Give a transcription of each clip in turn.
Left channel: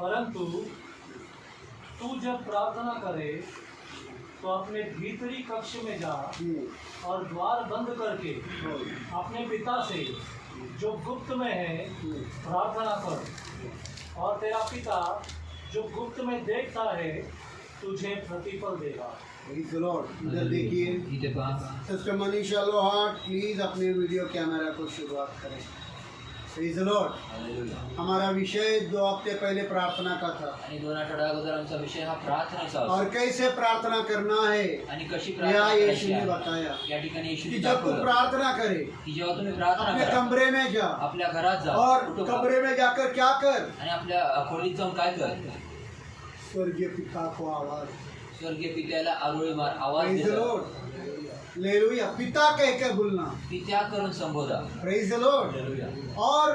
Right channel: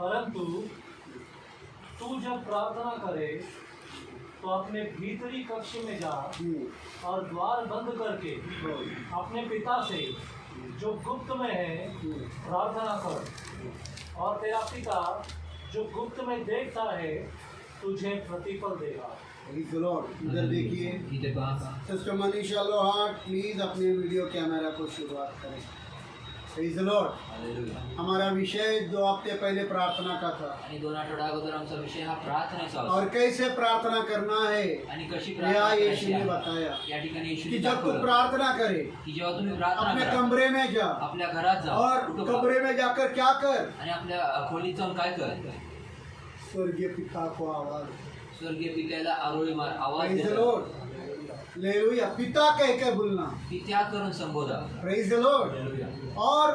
परंतु तू जब प्रार्थना करे तो अपने भीतरी कक्ष में जा और द्वार बंद करके अपने पिता से जो गुप्त में है प्रार्थना कर, और तेरा पिता जो गुप्त में देखता है तुझे प्रतिफल देगा। Praise the Lord. इधर देखिए सिस्टर मनीषा लोहाट, प्लीज अपने वीडियो कैमरा को शुरुआत करें। Praise the Lord. हमारा विषय 2 हफ्ते पहले प्रार्थना का था आणि 2 आठवड्या अगोदर आमचा विषय हा प्रार्थनेचा होता और कैसे प्रार्थना करना है आणि कशी यह प्रार्थना यीशु करायची ने आहे बताया या ठिकाणी कि येशूने जब तू दाखवलं प्रार्थना करे की जेव्हा तुम्ही प्रार्थना अपने करा कमरे में जा आपल्या घरात जा और कुठं जा. कमरे में जाकर क्या कर, आणि आपल्या खोलीत जाऊन काय कर, स्वर्गीय पिता को आवाज, स्वर्गीय पित्याला आरोळी मार, आवाज Praise the they, Lord. Hallelujah, पिता कह के बोलना। पित्या करून संबोधा. Praise the Lord. हालेलुया. और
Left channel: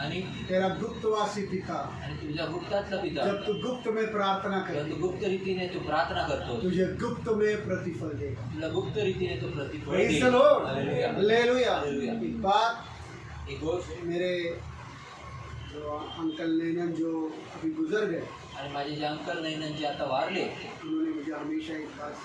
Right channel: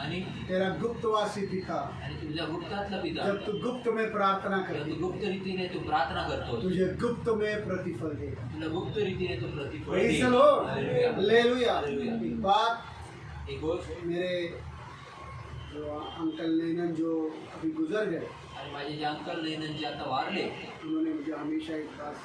आणि तेरा गुप्तवासी पिता, आणि तुझ्या गुप्तातला पिता जब तू गुप्त में प्रार्थना जेव्हा करे तू गुप्त रीतीने तू प्रार्थना करतो तुझे गुप्त में प्रतिफल देगा। तुला गुप्त रीतीने तो प्रतिफल Praise देईल. the Lord. Hallelujah. Hallelujah. Hallelujah. एक बात, एक गोष्ट, मेरे जो अंकल नैनन जो अभी गुजर गए, आणि माझे जे अंकल नैनन जे आता वारले उन्होंने मुझे हमेशा एक बात,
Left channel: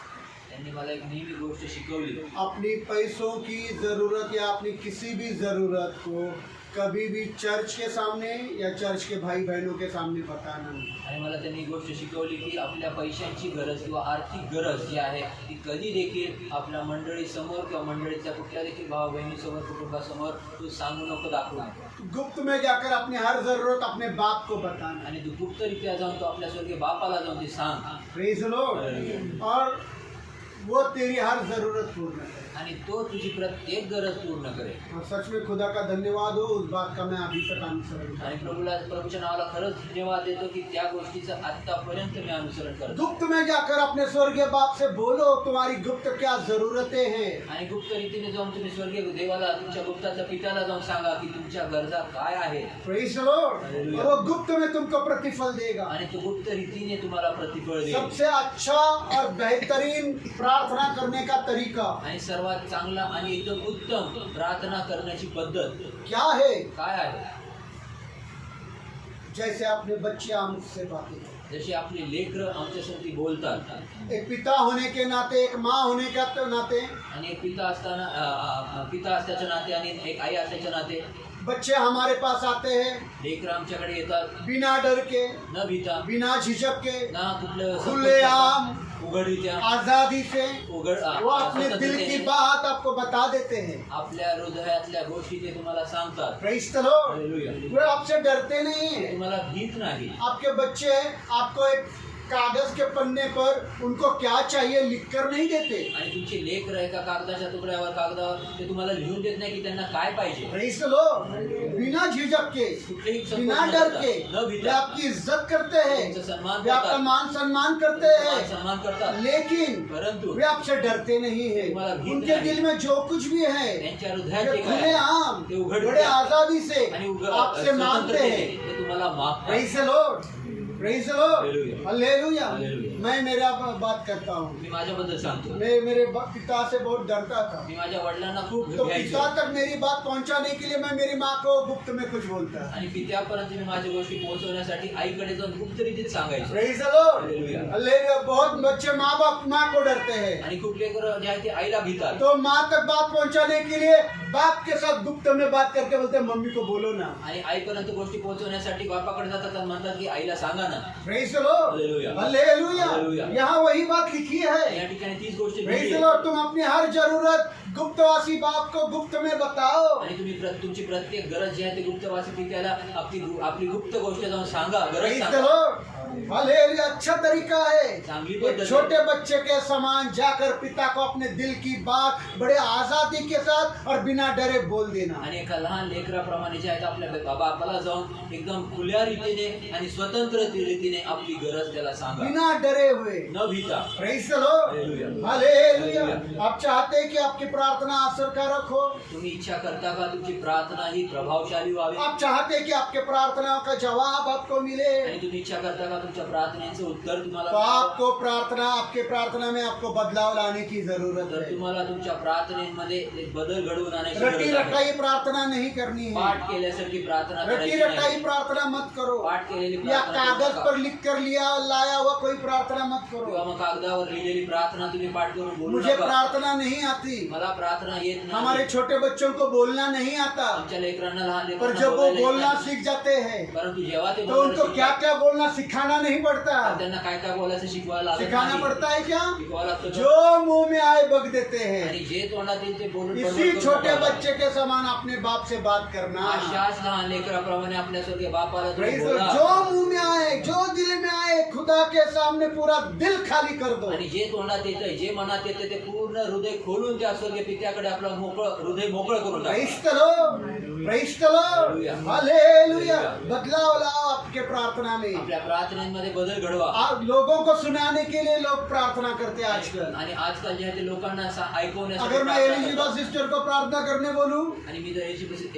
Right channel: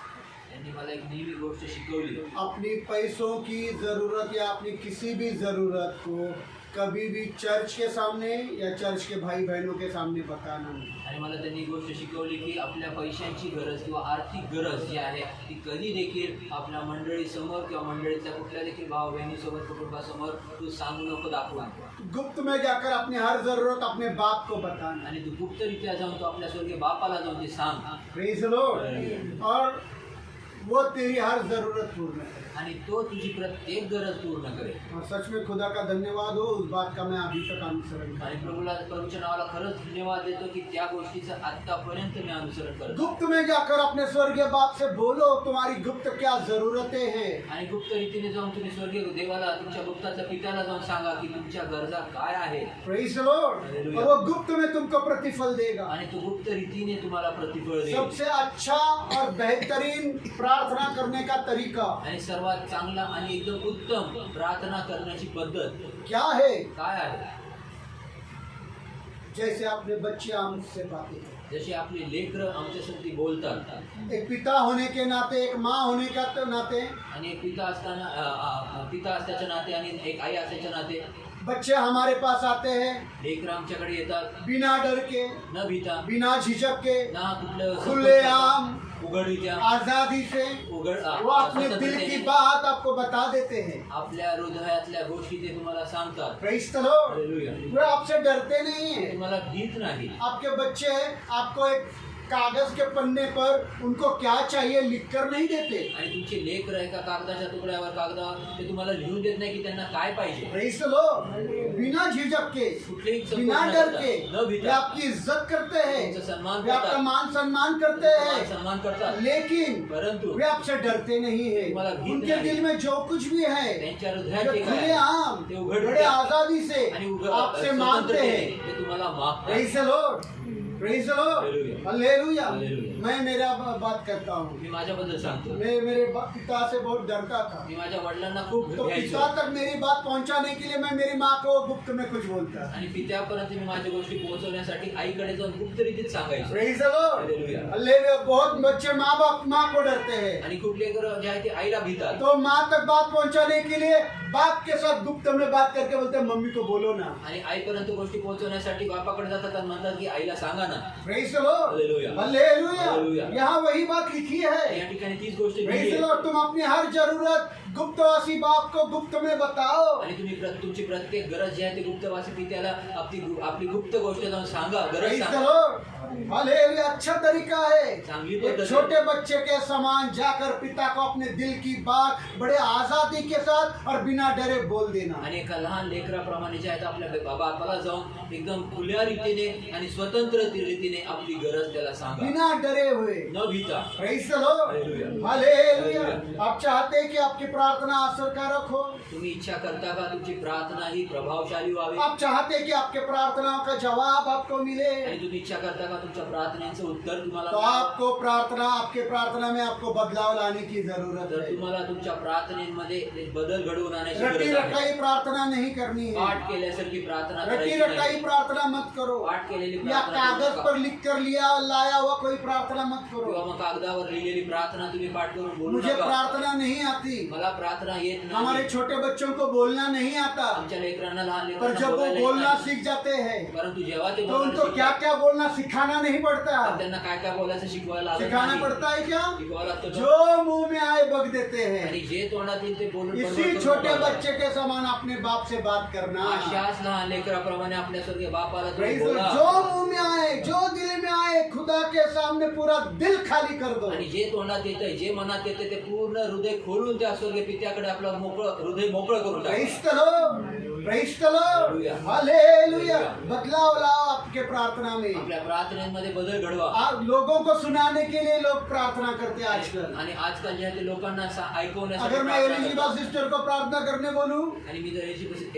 त्यांनी मला एक नेहमी गोष्ट शिकवली. अपनी पैसों की ज़रूरत या अपनी किसी भी ज़रूरत को कभी भी चर्च के सामने या चर्च के भाई बहनों के सामने बताना नहीं। आणि मला त्यांनी ही गोष्ट शिकवली की आपल्या पैशांची गरज किंवा आर्थिक गरज जी आहे ती कधी देखील आपल्या मंडळीसमोर किंवा मंडळीतल्या कुठल्या देखील भाव बहिणीसमोर कुटुंबासमोर तू सांगू नको, दाखवू नको. गुप्त में जाकर अपनी हर ज़रूरत अपने बाप को बताना। आणि तू गुप्तरित्या जाऊन तो आपल्या स्वर्गीय बापाला जाऊन ते सांग प्रेज द लॉर्ड। और वो तेरी हर ज़रूरत पूर्ण करे आणि तो तुझी प्रत्येक गरज पूर्ण करेल. और सच में खुदा का धन्यवाद हो, उस बात का मैं अभी तक अनुसरण करता आणि हूं। प्रभूच्या नावाला खरंच धन्यवाद देतो की त्या गोष्टीचं आतापर्यंत मी अनुसरण करतो. गुप्त में जाकर अपने स्वर्गीय बाप से बोलो तुम्हारी गुप्त क्या ज़रूरतें हैं। आणि गुप्त रीतीने जाऊन तुम्ही स्वर्गीय देवाला तुमच्या गुप्ताच्या पित्याला जाऊन सांगा की तुमच्या गरजा काय आहेत. Praise the Lord. और वो गुप्त में तुमको प्रतिफल देगा। आणि तो गुप्त रीतीने तुम्हाला प्रतिफळ देईल. सबसे अच्छा और बेहतरीन प्रार्थना करने का तरीका आणि सर्वात चांगला आणि एकदम उत्तम प्रार्थना करण्याची पद्धत क्या है? काय आहे? जैसे अपने बच्चे हमसे बातें करते, जशी आपली लेकरं आमच्यासाठी बोलतात. एक पिता होने के नाते, एक माँ होने के नाते आणि एक पिता असताना पिता असल्याच्या नाते आणि एक आई असल्याच्या नाते बच्चे हमारे पास आते हैं लेकरं आमच्याकडे येतात बिना डर के, न भीता, बिना झिझक के, ना कुठलं खुलेआम उघडीत्या आजादी से उघड वो अपने दिल की बात आपको बता देते हैं। आपल्या हृदयातल्या गोष्टी ते तुम्हाला सांगतात. Praise the Lord. हालेलुया. वो आपसे डरते नहीं हैं। तुम्हाला भीत नाही. आपके बच्चे आपको एक कागज के पन्ने पर उनको क्या चाहिए लिखकर नहीं देते। आणि तुमचे लेकरं एका कागदाच्या तुकड्यावर कागदावर ते तुम्हाला लिहून देत नाही की त्यांना काय पाहिजे. Praise the Lord. बिना झिझक के, कुठलेही संकोच बिना न डर करता, के न वे भीता आपकी इज्जत करते हैं, तुमचा सन्मान वे आपका करतात, मान सम्मान करते तुम्हाला हैं, सन्मान करतात. लेकिन परंतु वे आपसे डरते नहीं है। तुम्हाला भीत उनके नाही. दिल में जो कुछ भी है त्यांच्या वे हृदयात जे काय खुलेआम ते उघड बड़े आजादी से आणि आपसे मांगते हैं। ते तुम्हाला मागतात. Praise the Lord. Praise the Lord. Hallelujah. Hallelujah. Hallelujah. मैं मेरा बात करता हूँ। मी माझ्याबद्दल सांगतो. मैं मेरे पिता से बहुत डरता था, मी माझ्या वडिलांना खूप तो घ्यायचो पिता तक मेरी बात पहुंचाने के लिए मैं मेरी माँ को गुप्त में कुछ बोलता। आणि पित्यापर्यंत मी माझ्या गोष्टी पोहोचवण्यासाठी आईकडे जाऊन गुप्त रीतीत सांगायचो. Praise the Lord. Hallelujah. Hallelujah. बहुत बच्चे माँ को डरते हैं, आणि कुठले लेकरं जे आहे ते आईला भीतात. तो माँ तक बात पहुंचाने के लिए बाप के साथ गुप्त में बात करके बोलते हैं मम्मी को बोलो ना। आणि आईपर्यंत गोष्टी पोहोचवण्यासाठी बापाकडे जातात आणि म्हणतात की आईला सांगा ना. Praise the Lord. Hallelujah. Hallelujah. Hallelujah. यहाँ वही बात लिखी है। या ठिकाणी तीच गोष्ट लिहिली प्रेज द आहे. लॉर्ड। तुम अपनी हर जरूरत गुप्तवासी बाप को गुप्त में बताओ। आणि तुम्ही तुमची प्रत्येक गरज जी आहे ते गुप्तवासी पित्याला आपली गुप्त गोष्ट जाऊन सांगा. गरज प्रेज द सांगा. लॉर्ड। हालेलुया। अच्छा तरीका है। चांगली एक पद्धत छोटे बच्चे के समान जाकर पिता को अपने दिल की बात बड़े आजादी के साथ और बिना डरे बोल देना। आणि एका लहान लेकराप्रमाणे जे आहेत आपल्या बापाला जाऊन एकदम खुल्या रीतीने आणि स्वतंत्र रीतीने आपली गरज त्याला सांगा, बिना डरे हुए। न भीता. Praise the Lord. Hallelujah. Hallelujah. आप चाहते हैं कि आपकी प्रार्थना असरकारक हो? तुम्ही इच्छा करता का तुमची प्रार्थना ही प्रभावशाली व्हावी? आप चाहते हैं कि आपके प्रार्थनाओं का जवाब आपको मिले? आणि तुम्ही इच्छा करता का तुमच्या प्रार्थनेचं उत्तर तुम्हाला तो आपको प्रार्थना, आपके प्रार्थना में आपको बदलाव लाने की जरूरत तर है। तुम्हाला तुमच्या प्रार्थनेमध्ये एक बदल घडवून आणायची रट्टी गरज आहे. रटाई प्रार्थना नहीं करनी है। पाठ केल्यासारखी प्रार्थना रट्टी करायची रटाई नाही. प्रार्थना मत करो, पाठ केलेली या प्रार्थना करू कागज नका. पर लिख कर लाया हुआ कोई प्रार्थना मत किंवा करो। मग कागदावर लिहिलेली प्रार्थना तुम्ही पाठ करून बोलू मुझे नका. प्रार्थना नहीं आती, मला प्रार्थना येत नाही. हमारे छोटे बच्चों को बोलना नहीं आता, आमच्या लेकरांना लहान पर लेकरांना जब वो बोलायला येत बोलना नाही. सीख जाते हैं परंतु जेव्हा ते तो बोलायला उनको क्या शिकतात, क्या बोलना सिखाना नहीं पड़ता। त्यांना काय काय बोलायचं शिकवायला लागत सिखाना नाही. पड़ता है क्या? शिकवायला लागतं. जो मुंह में आए बग देते हैं। आणि जे तोंडात येईल ते बोलून इसी बरोबर छोटे करून बच्चे के समान अपने बाप से बात करना। अशाच लहान लेकराप्रमाणे आपल्या स्वर्गीय बापाला तुम्ही Praise the Lord. बोला. जो मुंह में आए, जो दिल में आए, खुदा के सामने पूरा दिल खाली कर दो। आणि जे तोंडात येतंय, जे मनात येते ते पूर्ण हृदय खोलून त्या स्वर्गीय पित्याकडे आपलं हृदय मोकळं करून टाका. Praise the Lord. Praise the Lord. Hallelujah. बदलाव लाओ आपके प्रार्थना में। आपल्या प्रार्थनेमध्ये बदल घडवा. आप लोगों को सुनाने के लिए लोग प्रार्थना करते हैं आजकल। आणि आजकाल जे आहे ते लोकांना ऐकवण्यासाठी अगर मैं प्रार्थना एलिजिबा करतात. सिस्टर को प्रार्थना करने बोलूं, आणि मी जर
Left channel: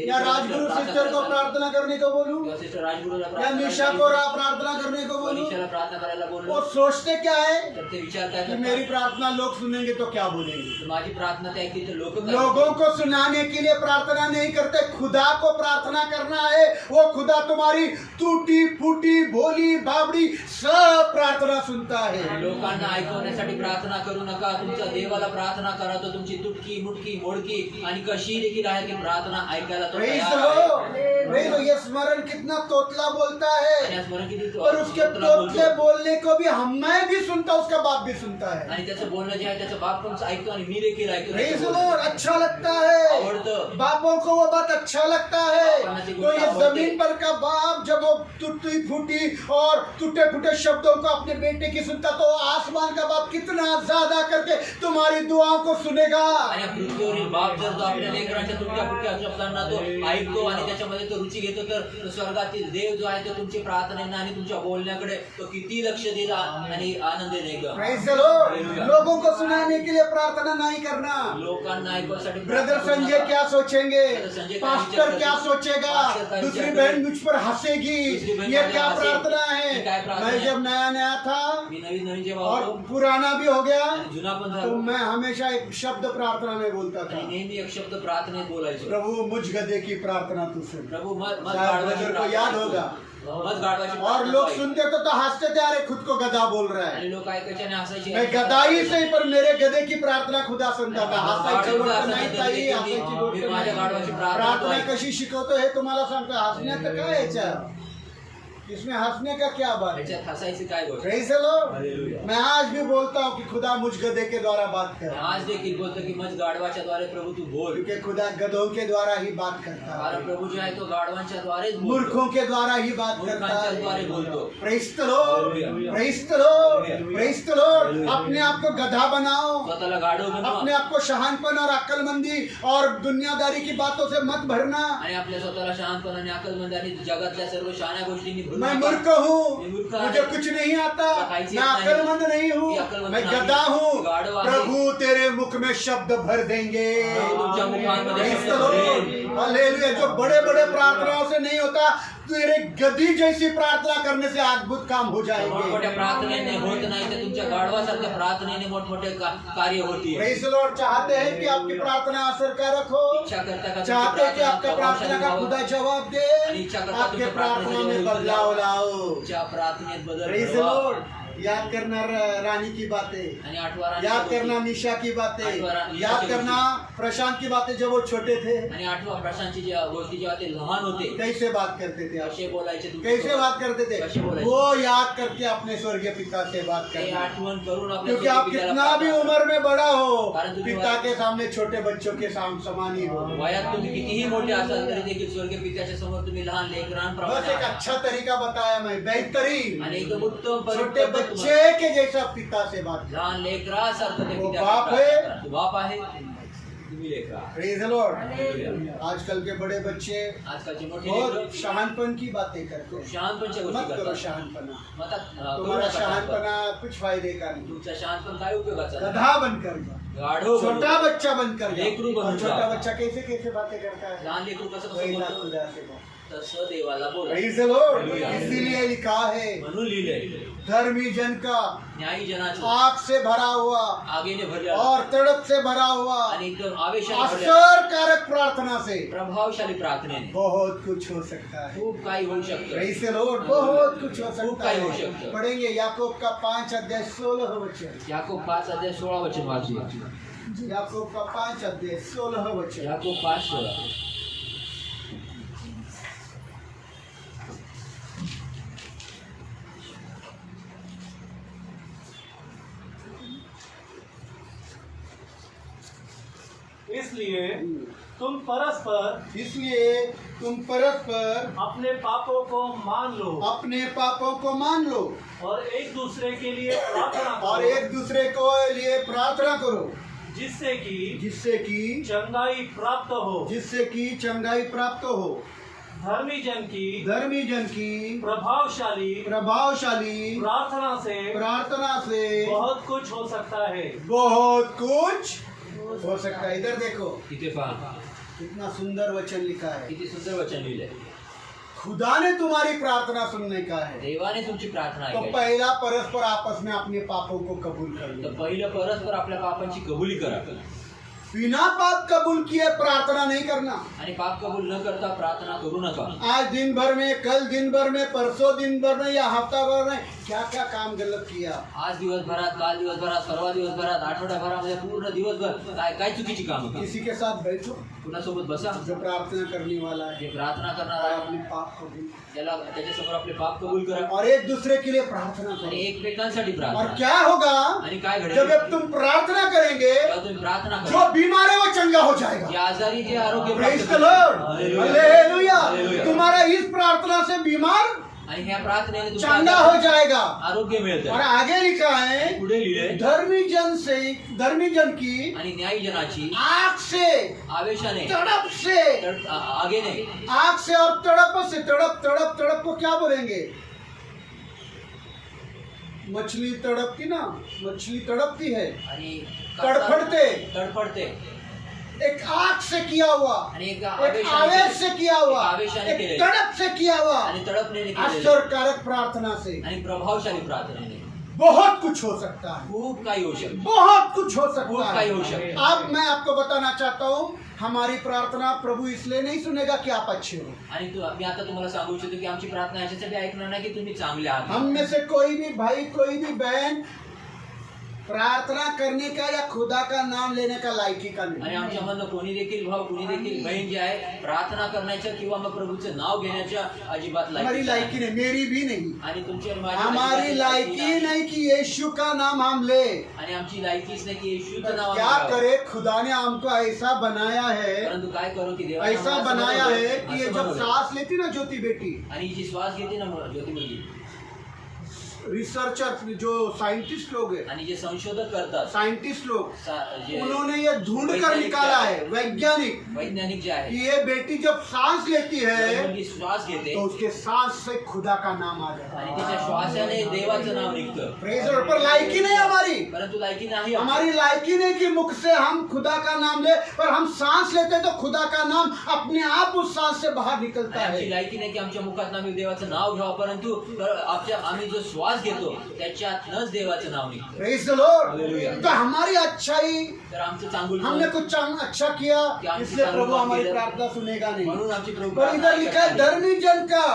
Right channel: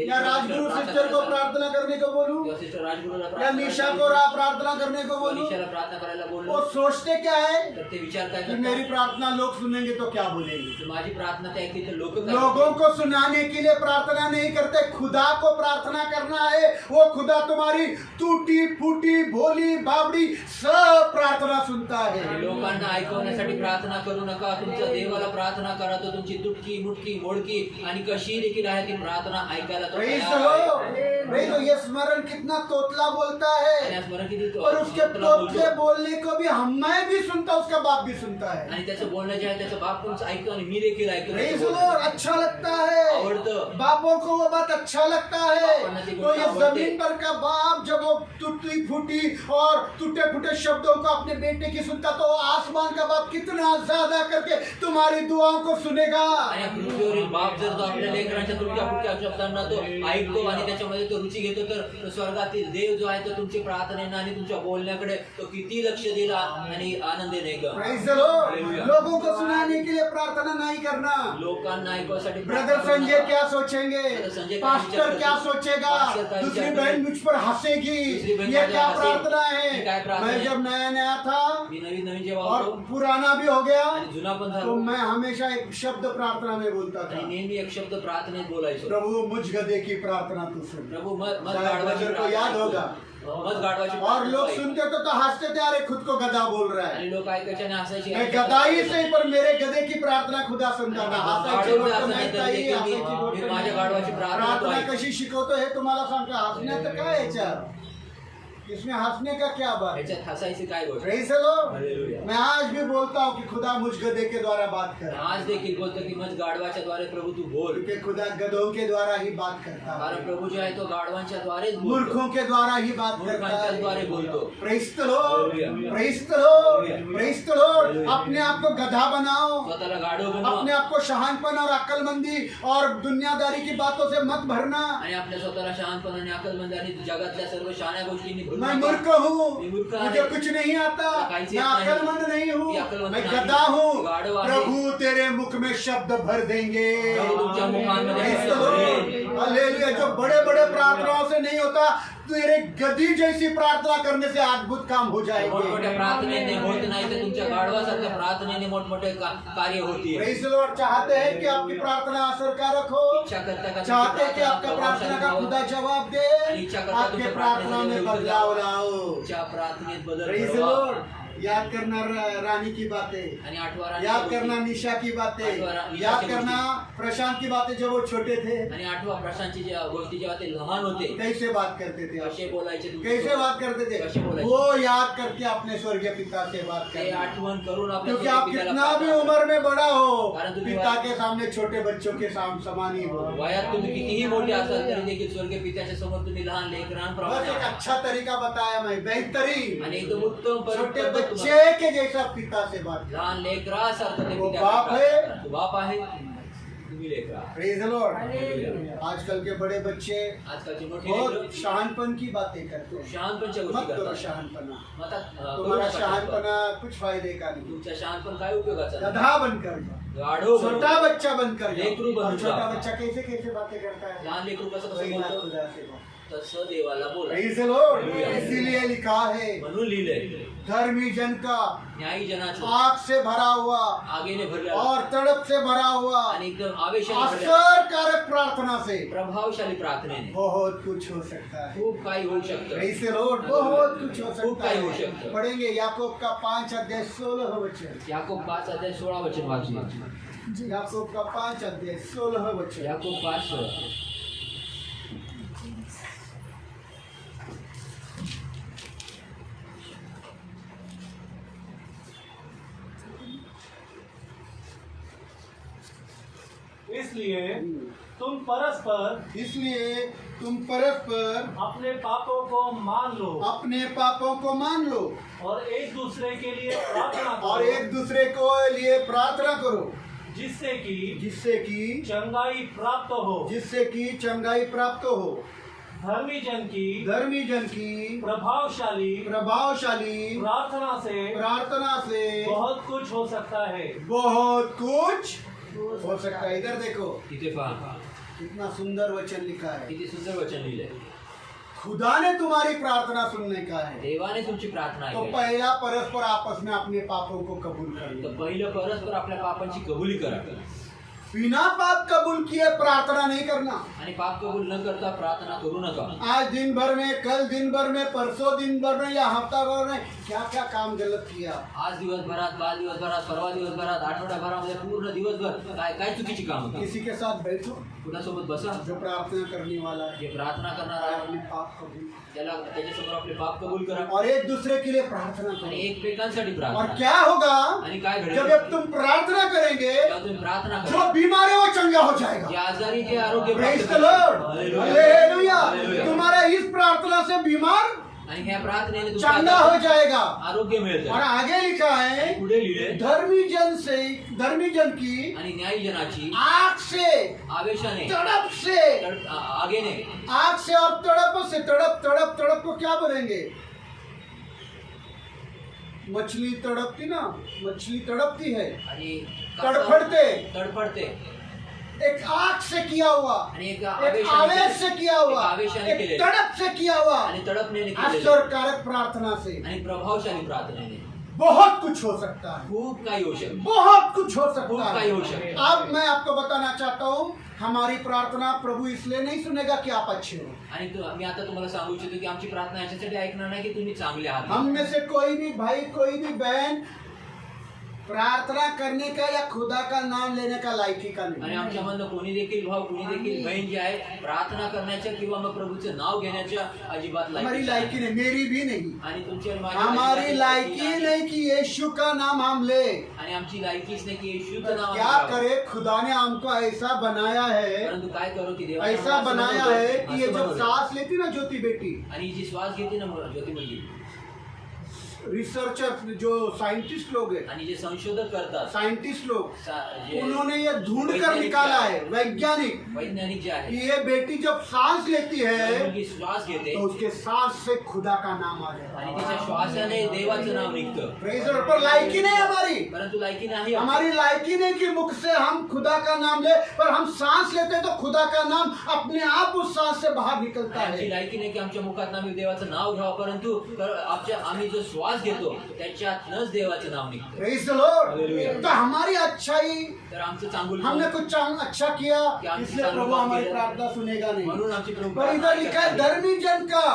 या राजगुरु सिस्टर को प्रार्थना करने को बोलूं, किंवा सिस्टर राजगुरूला या प्रार्थना निशा करायला को बोलू, प्रार्थना करने को किंवा बोलूं, निशाला प्रार्थना करायला वो बोललो सोचते क्या है तर ते विचार काय कि करतात? मेरी प्रार्थना लोग सुनेंगे तो क्या बोलेंगे। तर माझी प्रार्थना ते ऐकतील तर लोक लोगों को सुनाने के लिए प्रार्थना नहीं करते, खुदा को प्रार्थना करना है। वो खुदा तुम्हारी टूटी फूटी भोली बाबड़ी सब प्रार्थना सुनता है। लोकांना ऐकवण्यासाठी प्रार्थना करू नका. तुमच्या देवाला प्रार्थना करा, तो तुमची तुटकी मुटकी मोडकी आणि कशी देखील आहे ती प्रार्थना ऐकायला तो Praise तयार the आहे. Lord. Praise the Lord. ये स्मरण कितना तोतला बोलता आणि है, या स्मरण किती पर उसके तुला तोतले बोलतो. बोलने को भी मैं भी सुनता, उसका बाप भी सुनता है। आणि त्याचं बोलणं जे आहे त्याचं बाप पण ऐकतो आणि मी देखील ऐकतो. Praise the Lord. अच्छा लगता है, आवडतं. बापों को वो बात अच्छा लगता है। तो ये जमीन पर का बाप जब वो टूटी फूटी और टूटे फूटे शब्दों को अपने बेटे की सुनता, तो आसमान का बाप कितना ज्यादा करके तुम्हारी दुआओं को सुनेगा। आणि या पृथ्वीवरील बाप जर तो आपल्या लेकरांच्या तुटक्या फुटक्या शब्दांना तो ऐकतो आणि त्याच्यामध्ये तो रुची घेतो, तर तो स्वर्गातील देव जो आहे तो तुमची प्रार्थनेना आणि तुमच्या बोलण्याकडे तो किती लक्ष दिला आणि आनंदीने ऐका. Praise the Lord. लोगों को सुनाने के लिए प्रार्थना नहीं करना। लोकांना ऐकण्यासाठी ब्रदर संजय क्या सोचेंगे, पास्टर क्या सोचेगा, दूसरी बहन मुझ पर हंसेगी, ये क्या प्रार्थना है। मैं जब नया नया था मी नवीन नवीन जेव्हा और होतो पुराना भी हो गया, आणि जुना पण तो झालो मैं हमेशा एक शब्द प्रार्थना में बोलता आणि था, नेहमी एक शब्द प्रार्थनेत बोलायचो. प्रभु मुझ गधे की प्रार्थना तू सुन। प्रभु मत शायद गाढवाची ब्रदर को प्रार्थना याद होगा। मत गाढवाची और प्रार्थना लोग ऐक. सुनते तो हंसते थे, अरे खुद को गधा बोल रहा है। आणि लोक ऐकायचे आणि हसायचे. मैं गधाई से ही, पर मेरे गधे की प्रार्थना खुदा सुनता था। हसायची गोष्ट नाही ताई, हसायची गोष्ट मी माझ्या नाही। गाढवाची प्रार्थना प्रार्थना ऐक. कशी शिकवतो हे तुम्हाला सांगतो। हसण्याचं काय याच्यात, इसमें हंसने का क्या बात है। ह्याच्यात हसायची काय गोष्ट. Praise the Lord. हालेलुया. मैं आज भी बोलता हूँ कि खुदा मुझ गधे के द्वारा बात कर, आज देखील बोलतो की मग गाढवाच्या द्वारे प्रभू तू बोल. क्योंकि खुदा गधों के द्वारा ही बात करता कारण है, प्रभू जो आहे तो गाढवांच्या द्वारेच बोलतो. मूर्खों के द्वारा ही बात करता मूर्खांच्या द्वारे है। बोलतो. Praise the Lord. Hallelujah. Praise the Lord. Hallelujah. Praise the Lord. Hallelujah. अपने आप को गधा बनाओ, स्वतःला गाढव अपने बनवा आप को शहानपन और अक्लमंदी और दुनियादारी की बातों से मत भरना। आणि आपल्या स्वतःला शहाणपण आणि अक्कलमंदी आणि जगातल्या सर्व शहाण्या गोष्टींनी भरून मैं नका. मूर्ख हूँ, मी मूर्ख आहे. मुझे कुछ नहीं आता, काहीच मैं येत नाही. अक्लमंद नहीं हूँ, मी अक्कलमंद मैं नाही. गधा हूँ। गाढव आहे. प्रभु तेरे मुख में शब्द भर देंगे। प्रभू तुमच्या मुखांमध्ये Praise शब्द the Lord. भरेल. हालेलुया। जो बड़े बड़े प्रार्थनाओं से नहीं होता, तेरे गधी जैसी प्रार्थना करने से अद्भुत काम हो जाएंगे। मोठमोठ्या प्रार्थनेने होत नाही तर तुमच्या गाढवासारख्या प्रार्थनेने मोठमोठे कार्य होतील. Praise the Lord. चाहते हैं कि आपकी प्रार्थना असरकारक हो, इच्छा करता का चाहते हैं कि आपके प्रार्थना का खुदा जवाब दे, आणि इच्छा करता आपके तुमच्या प्रार्थना में बदलाव लाओ। तुमच्या प्रार्थनेत बदल Praise the घडवा. Lord. याद करना रानी की बातें, आणि आठवा राणी याद करना निशा की बातें, याद करना प्रशांत की बातें जब वो छोटे थे, आणि आठवा प्रशांतची ज्या गोष्टी जेव्हा ते लहान होते कैसे बात करते थे आप, कसे बोलायचे तुमचे कैसे सोबत. बात करते थे, कैसे बोलायचे. वो याद करके अपने स्वर्गीय पिता से बात ते करना। आठवण करून आपल्या क्योंकि आप पित्याला कितना भी प्रार्थना उम्र में बड़ा हो, कारण तुम्ही पिता के सामने छोटे बच्चों के समान ही हो। वयात तुम्ही कितीही मोठे असाल तरी देखील स्वर्गीय पित्याच्या समोर तुम्ही लहान बस लेकरांप्रमाणे एक आहात. अच्छा तरीका बताया मैं, बेहतरीन आणि एकदम उत्तम छोटे पद्धत तुम्हाला- बच्चे के जैसा पिता से बात कर। लहान लेकरासारखं ते वो पित्याला बाप प्रार्थना है. करा. तो बाप आहे तुम्ही लेकरा. Praise the Lord. हालेलुया. आजकल के बड़े बच्चे आजकालचे मोठे बहुत लेकरं शहानपण की बातें करते हैं। शहाणपणच्या मत गोष्टी करो करतात. शहानपना, मग आता, करू तुम्हारा नका शहाणपण. शहानपना कुछ फायदे का नहीं। तुमचा शहाणपण काय उपयोगाचा नाही. गधा बनकर जा, गाढव बनू. छोटा बच्चा बनकर लेकरू जा। बनू और छोटा जा. बच्चा कैसे कैसे बातें करता है, लहान लेकरू कसं वही कसं ना बोलतो खुदा से बात। तसं देवाला बोला. Praise the Lord. इसीलिए लिखा है म्हणून लिहिलंय धर्मी जन का न्यायी जनाचं आग से भरा हुआ आगीने भरलेलं और तड़प से भरा हुआ आणि एकदम आवेशाने भरलेलं असरकारक प्रार्थना से प्रभावशाली प्रार्थनेने बहुत कुछ हो सकता है. खूप काही होऊ शकतं. Praise the Lord. बहुत कुछ हो खूप सकता काही होऊ है. शकतं. पढ़ेंगे याकूब का 5 अध्याय 16 वचन. याकूब 5:16 वचन वाचूया. याकूब का 5 अध्याय 16 वचन. याकूब 5:16. इसलिए तुम परस्पर इसलिए तुम परस्पर अपने पापों को मान लो अपने पापों को मान लो और एक दूसरे के लिए प्रार्थना और करो, एक दूसरे को लिए प्रार्थना करो जिससे जिससे कि चंगाई प्राप्त हो. जिससे कि चंगाई प्राप्त हो. धर्मी जन की प्रभावशाली प्रार्थना से बहुत कुछ हो सकता है. बहुत कुछ हो सकता है. इधर देखो तिथे पहा कितना सुंदर वचन लिखा है. किती सुंदर वचन लिहिलंय. खुदा ने तुम्हारी प्रार्थना सुनने का है. देवाने तुमची प्रार्थना तो ऐकायची. पहला परस्पर आपस में अपने पापों को कबूल कर लो. तर पहिलं परस्पर आपल्या पापांची कबुली करा बिना पाप कबूल किए प्रार्थना नहीं करना. आणि पाप कबूल न करता प्रार्थना करू नका. आज दिन भर में, कल दिन भर में, परसों दिन भर में या हफ्ता भर में क्या क्या काम गलत किया. आज दिवसभरात, काल दिवसभरात, परवा दिवसभरात, आठवड्याभरामध्ये पूर्ण दिवसभर काय चुकीची कामं केली. किसी के साथ बैठो कुणासोबत बसा जो प्रार्थना करने वाला है जे प्रार्थना करणार और आहे अपने पाप कबूल त्याला त्याच्यासमोर आपले पाप कबूल करा और एक दूसरे के लिए प्रार्थना आणि करो. एकमेकांसाठी और प्रार्थना. क्या होगा आणि काय घडेल जब तुम प्रार्थना करेंगे जेव्हा तुम्ही प्रार्थना जो करा बीमार है वो चंगा हो जाएगा. या आजारी जे आरोग्य Praise प्राप्त the Lord. Hallelujah. Hallelujah. Hallelujah. तुम्हारा इस प्रार्थना से बीमार आणि ह्या प्रार्थनेने चंगा तुम्हाला हो जाएगा. आरोग्य और मिळतं. आगे लिखा है पुढे लिहिले धर्मी जन की आणि न्यायी जनाची आग से आवेशाने तड़प से आगेने आग से और तड़प से तड़प को क्या बोलेंगे. मछली तड़पती ना, मछली तड़पती है, आणि तड़फड़ते. एक आग से किया हुआ, आणि एक आवेश से किया हुआ, आवेशाने एक केलेलं. तड़प से किया हुआ, आणि तडपनेने केलेलं. असरकारक प्रार्थना से आणि प्रभावशाली प्रार्थनेने बहुत कुछ हो सकता है. खूप काही होऊ शकतं. बहुत कुछ हो खूप सकता काही है. होऊ शकतं. अब मैं आपको बताना चाहता हूँ हमारी प्रार्थना प्रभु इसलिए नहीं सुनेगा कि आप अच्छे हो. आणि मी आता तुम्हाला सांगू इच्छितो की आमची प्रार्थना याच्यासाठी ऐकणार नाही की तुम्ही चांगले आहात. हम में से कोई भी भाई, कोई भी बहन प्रार्थना करने का या खुदा का नाम लेने का लायकी का आणि नहीं. आमच्यामधलं कोणी देखील भाऊ, कोणी देखील बहीण जे आहे प्रार्थना करण्याच्या किंवा मग प्रभूचं नाव घेण्याच्या अजिबात हमारी लायकी नहीं, मेरी भी नहीं. आणि तुमची आणि माझी हमारी अजिबात लायकी नहीं कि यीशु का नाम हम ले. आणि आमची लायकीच नाही की येशूचं नाव क्या आम्ही घ्यावं. करे, खुदा ने हमको ऐसा बनाया है, परंतु काय करू की देवाने ऐसा आम्हाला असं बनाया बनवलंय, है कि ये असं जब बनवलंय. सांस लेती ना ज्योति बेटी, आणि जी श्वास घेते ना ज्योती मुलगी रिसर्चर जो साइंटिस्ट लोग हैं, आणि जे संशोधक करतात साइंटिस्ट लोग, जे उन्होंने ये ढूंढ कर निकाला है, वैज्ञानिक, वैज्ञानिक जे आहे कि ये बेटी जब सांस लेती जब है मुलगी श्वास घेते तो उसके सांस से खुदा का नाम आ जाता आणि है. तिच्या श्वासाने देवाचं नाव निघतं. Praise the Lord. पर लायकी नहीं हमारी. परंतु लायकी नाही हमारी लायकी नहीं कि मुख से हम खुदा का नाम ले, पर हम सांस लेते हैं तो खुदा का नाम अपने आप उस सांस से बाहर निकलता आमची है. लायकी नाही की आमच्या मुखात आम्ही देवाचं नाव घ्यावं, परंतु आम्ही जो श्वास घेतो त्याच्यातनच देवाचं नाव निघतं. Praise the Lord. Hallelujah. तो हमारी अच्छाई, तर आमचं चांगुल हमने कुछ अच्छा किया इसलिए प्रभु हमारी प्रार्थना सुनेगा नहीं. म्हणून आमची प्रभू पर इधर लिखा है धर्मी जन का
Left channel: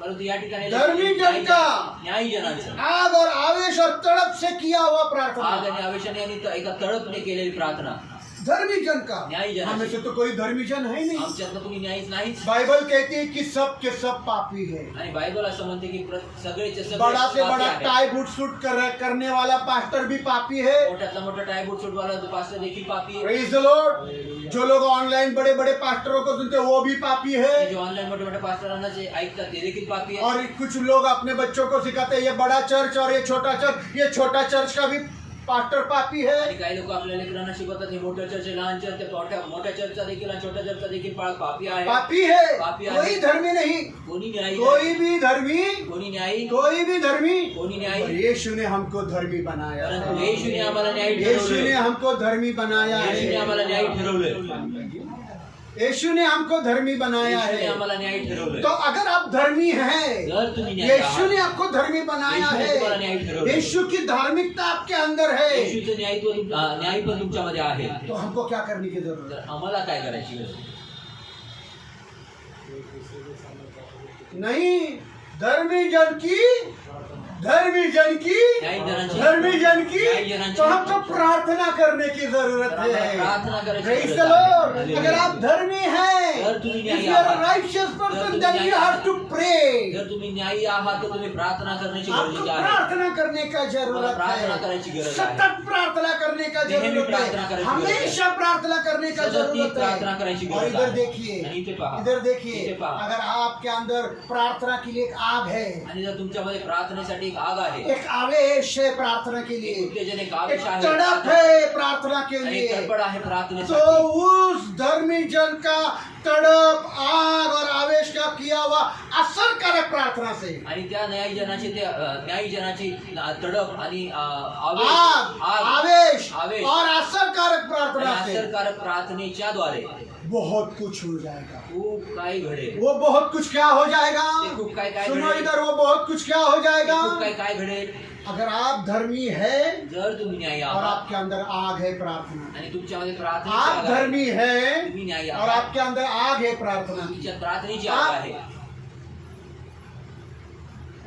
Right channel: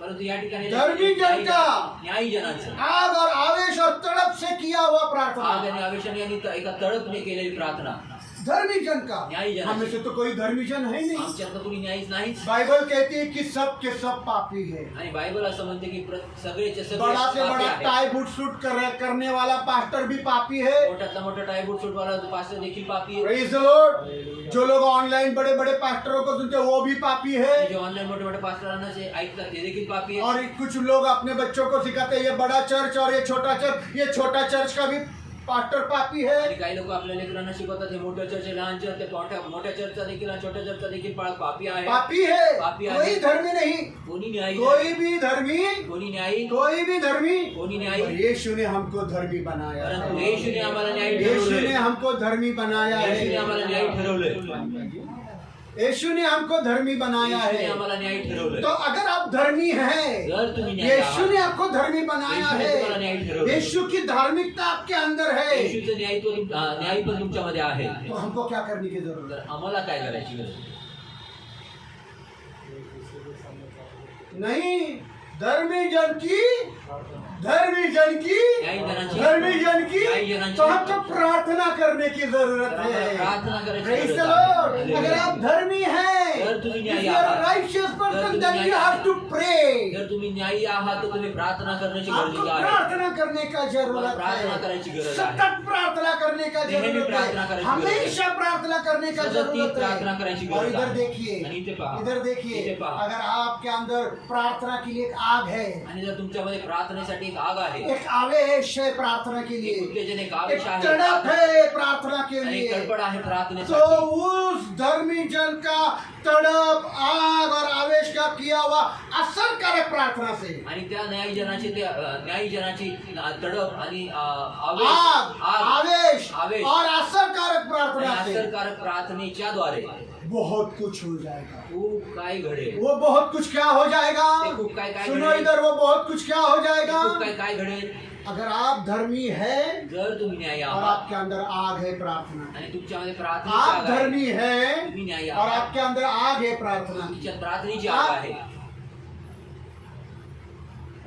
परंतु या ठिकाणी धर्मी जन का न्यायी जनांचं आग और आवेश और तड़प से किया हुआ प्रार्थना. आग आणि आवेशाने आणि एका तडपने केलेली प्रार्थना. धर्मी जन का. न्यायी जन. हमें से तो कोई धर्मी जन है नहीं. आमच्यातलं कोणी न्यायीच नाहीच. बाइबल कहती है कि सब के सब पापी है. आणि बायबल असं म्हणते की सगळेचे सगळे बड़ा से पापी बड़ा आहेत. टाई बूट सूट करने वाला पास्टर भी पापी है. मोठ्यातला मोठा टायबूट सूटवाला पास्टर देखील पापी आहे. Praise the Lord. जो लोग ऑनलाइन बड़े बड़े पास्टरों को सुनते हैं वो भी पापी है. जे ऑनलाईन मोठे मोठे पास्टरांना जे ऐकतात ते देखील पापी आहे. और कुछ लोग अपने बच्चों को सिखाते हैं ये बड़ा चर्च और ये छोटा चर्च, ये छोटा चर्च का भी पास्टर पापी है. आणि काही लोक आपल्या लेकरांना शिकवतात हे मोठं चर्च आहे, लहान चर्च आहे, मोठ्या चर्चचा देखील आणि छोट्या चर्चचा देखील पापी आहे. पापी है. पापी आहे. कोई धर्मी नहीं. कोणी न्यायी कोई भी धर्मी, कोणी न्यायी कोई भी धर्मी. कोणी और न्यायी यीशु ने हमको धर्मी बनाया परंतु है. येशूने आम्हाला न्यायी यीशु ने ठरवलंय. हमको धर्मी बनाया येशूने है. आम्हाला न्यायी ठरवलंय. यीशु ने हमको धर्मी बनाया येशूने है। आम्हाला न्यायी ठरवलंय. तो अगर आप धर्मी हैं, जर तुम्ही न्यायी यीशु ने आहात, आपको धर्मी बनाया येशूने तुम्हाला न्यायी है, ठरवलंय. यीशु की धार्मिकता आपके अंदर है, येशूचं न्यायी पण तुमच्यामध्ये आहे. तो हमको क्या करने की जरूरत तर है? आम्हाला काय करायची गरज आहे? नहीं, धर्मी जन की धर्मी जन की न्यायी जनाची धर्मी जन की न्यायी जनाची तो हमको प्रार्थना करने की जरूरत है। प्रार्थना करायची Praise गरज the आहे. Lord. Hallelujah. अगर आप धर्मी हैं, जर तुम्ही if न्यायी you are a आहात, righteous जर person, तुम्ही then you न्यायी have to pray. जर तुम्ही न्यायी आहात तर तुम्ही प्रार्थना करण्याची आपको गरजेची आहे. प्रार्थना करने का जरूरत प्रार्थना है, करायची गरज आहे. सतत प्रार्थना करने का नेहमी जरूरत प्रार्थना है, करायची गरज आहे. हमेशा प्रार्थना करने का सतत जरूरत प्रार्थना करायची है। और गरज इधर आहे. देखिए, आणि इथे पहा. इधर देखिए, इथे पहा. अगर आपके अंदर प्रार्थना के लिए एक आग है, आणि जर तुमच्यामध्ये प्रार्थनेसाठी एक आग आहे, एक आवेश है प्रार्थना के लिए, उत्तेजन एक एक आवेश आहे, तड़प है प्रार्थना के आणि लिए, तडफड आहे तो प्रार्थनेसाठी. उस धर्मी जन का तड़प, आग और आवेश का किया हुआ असरकारक प्रार्थना से आणि त्या न्यायी जनाची तडप आणि आग, आवेश आवेश और असरकारक आणि प्रार्थना से असरकारक प्रार्थनेच्या द्वारे बहुत कुछ हो जाएगा। खूप काही घडेल. वो बहुत कुछ क्या हो जाएगा? ते खूप काय काय सुनो घडेल. इधर, वो बहुत कुछ क्या हो ते जाएगा? खूप काय घडेल. अगर आप धर्मी है जर तुम्ही न्यायी और आहात आपके अंदर आग है प्रार्थना, आणि तुमच्यामध्ये प्रार्थनेची आप आग आहे, धर्मी है तुम्ही न्यायी और आहात, आपके अंदर आग है प्रार्थना की। तुमच्यात प्रार्थनेची आग आहे.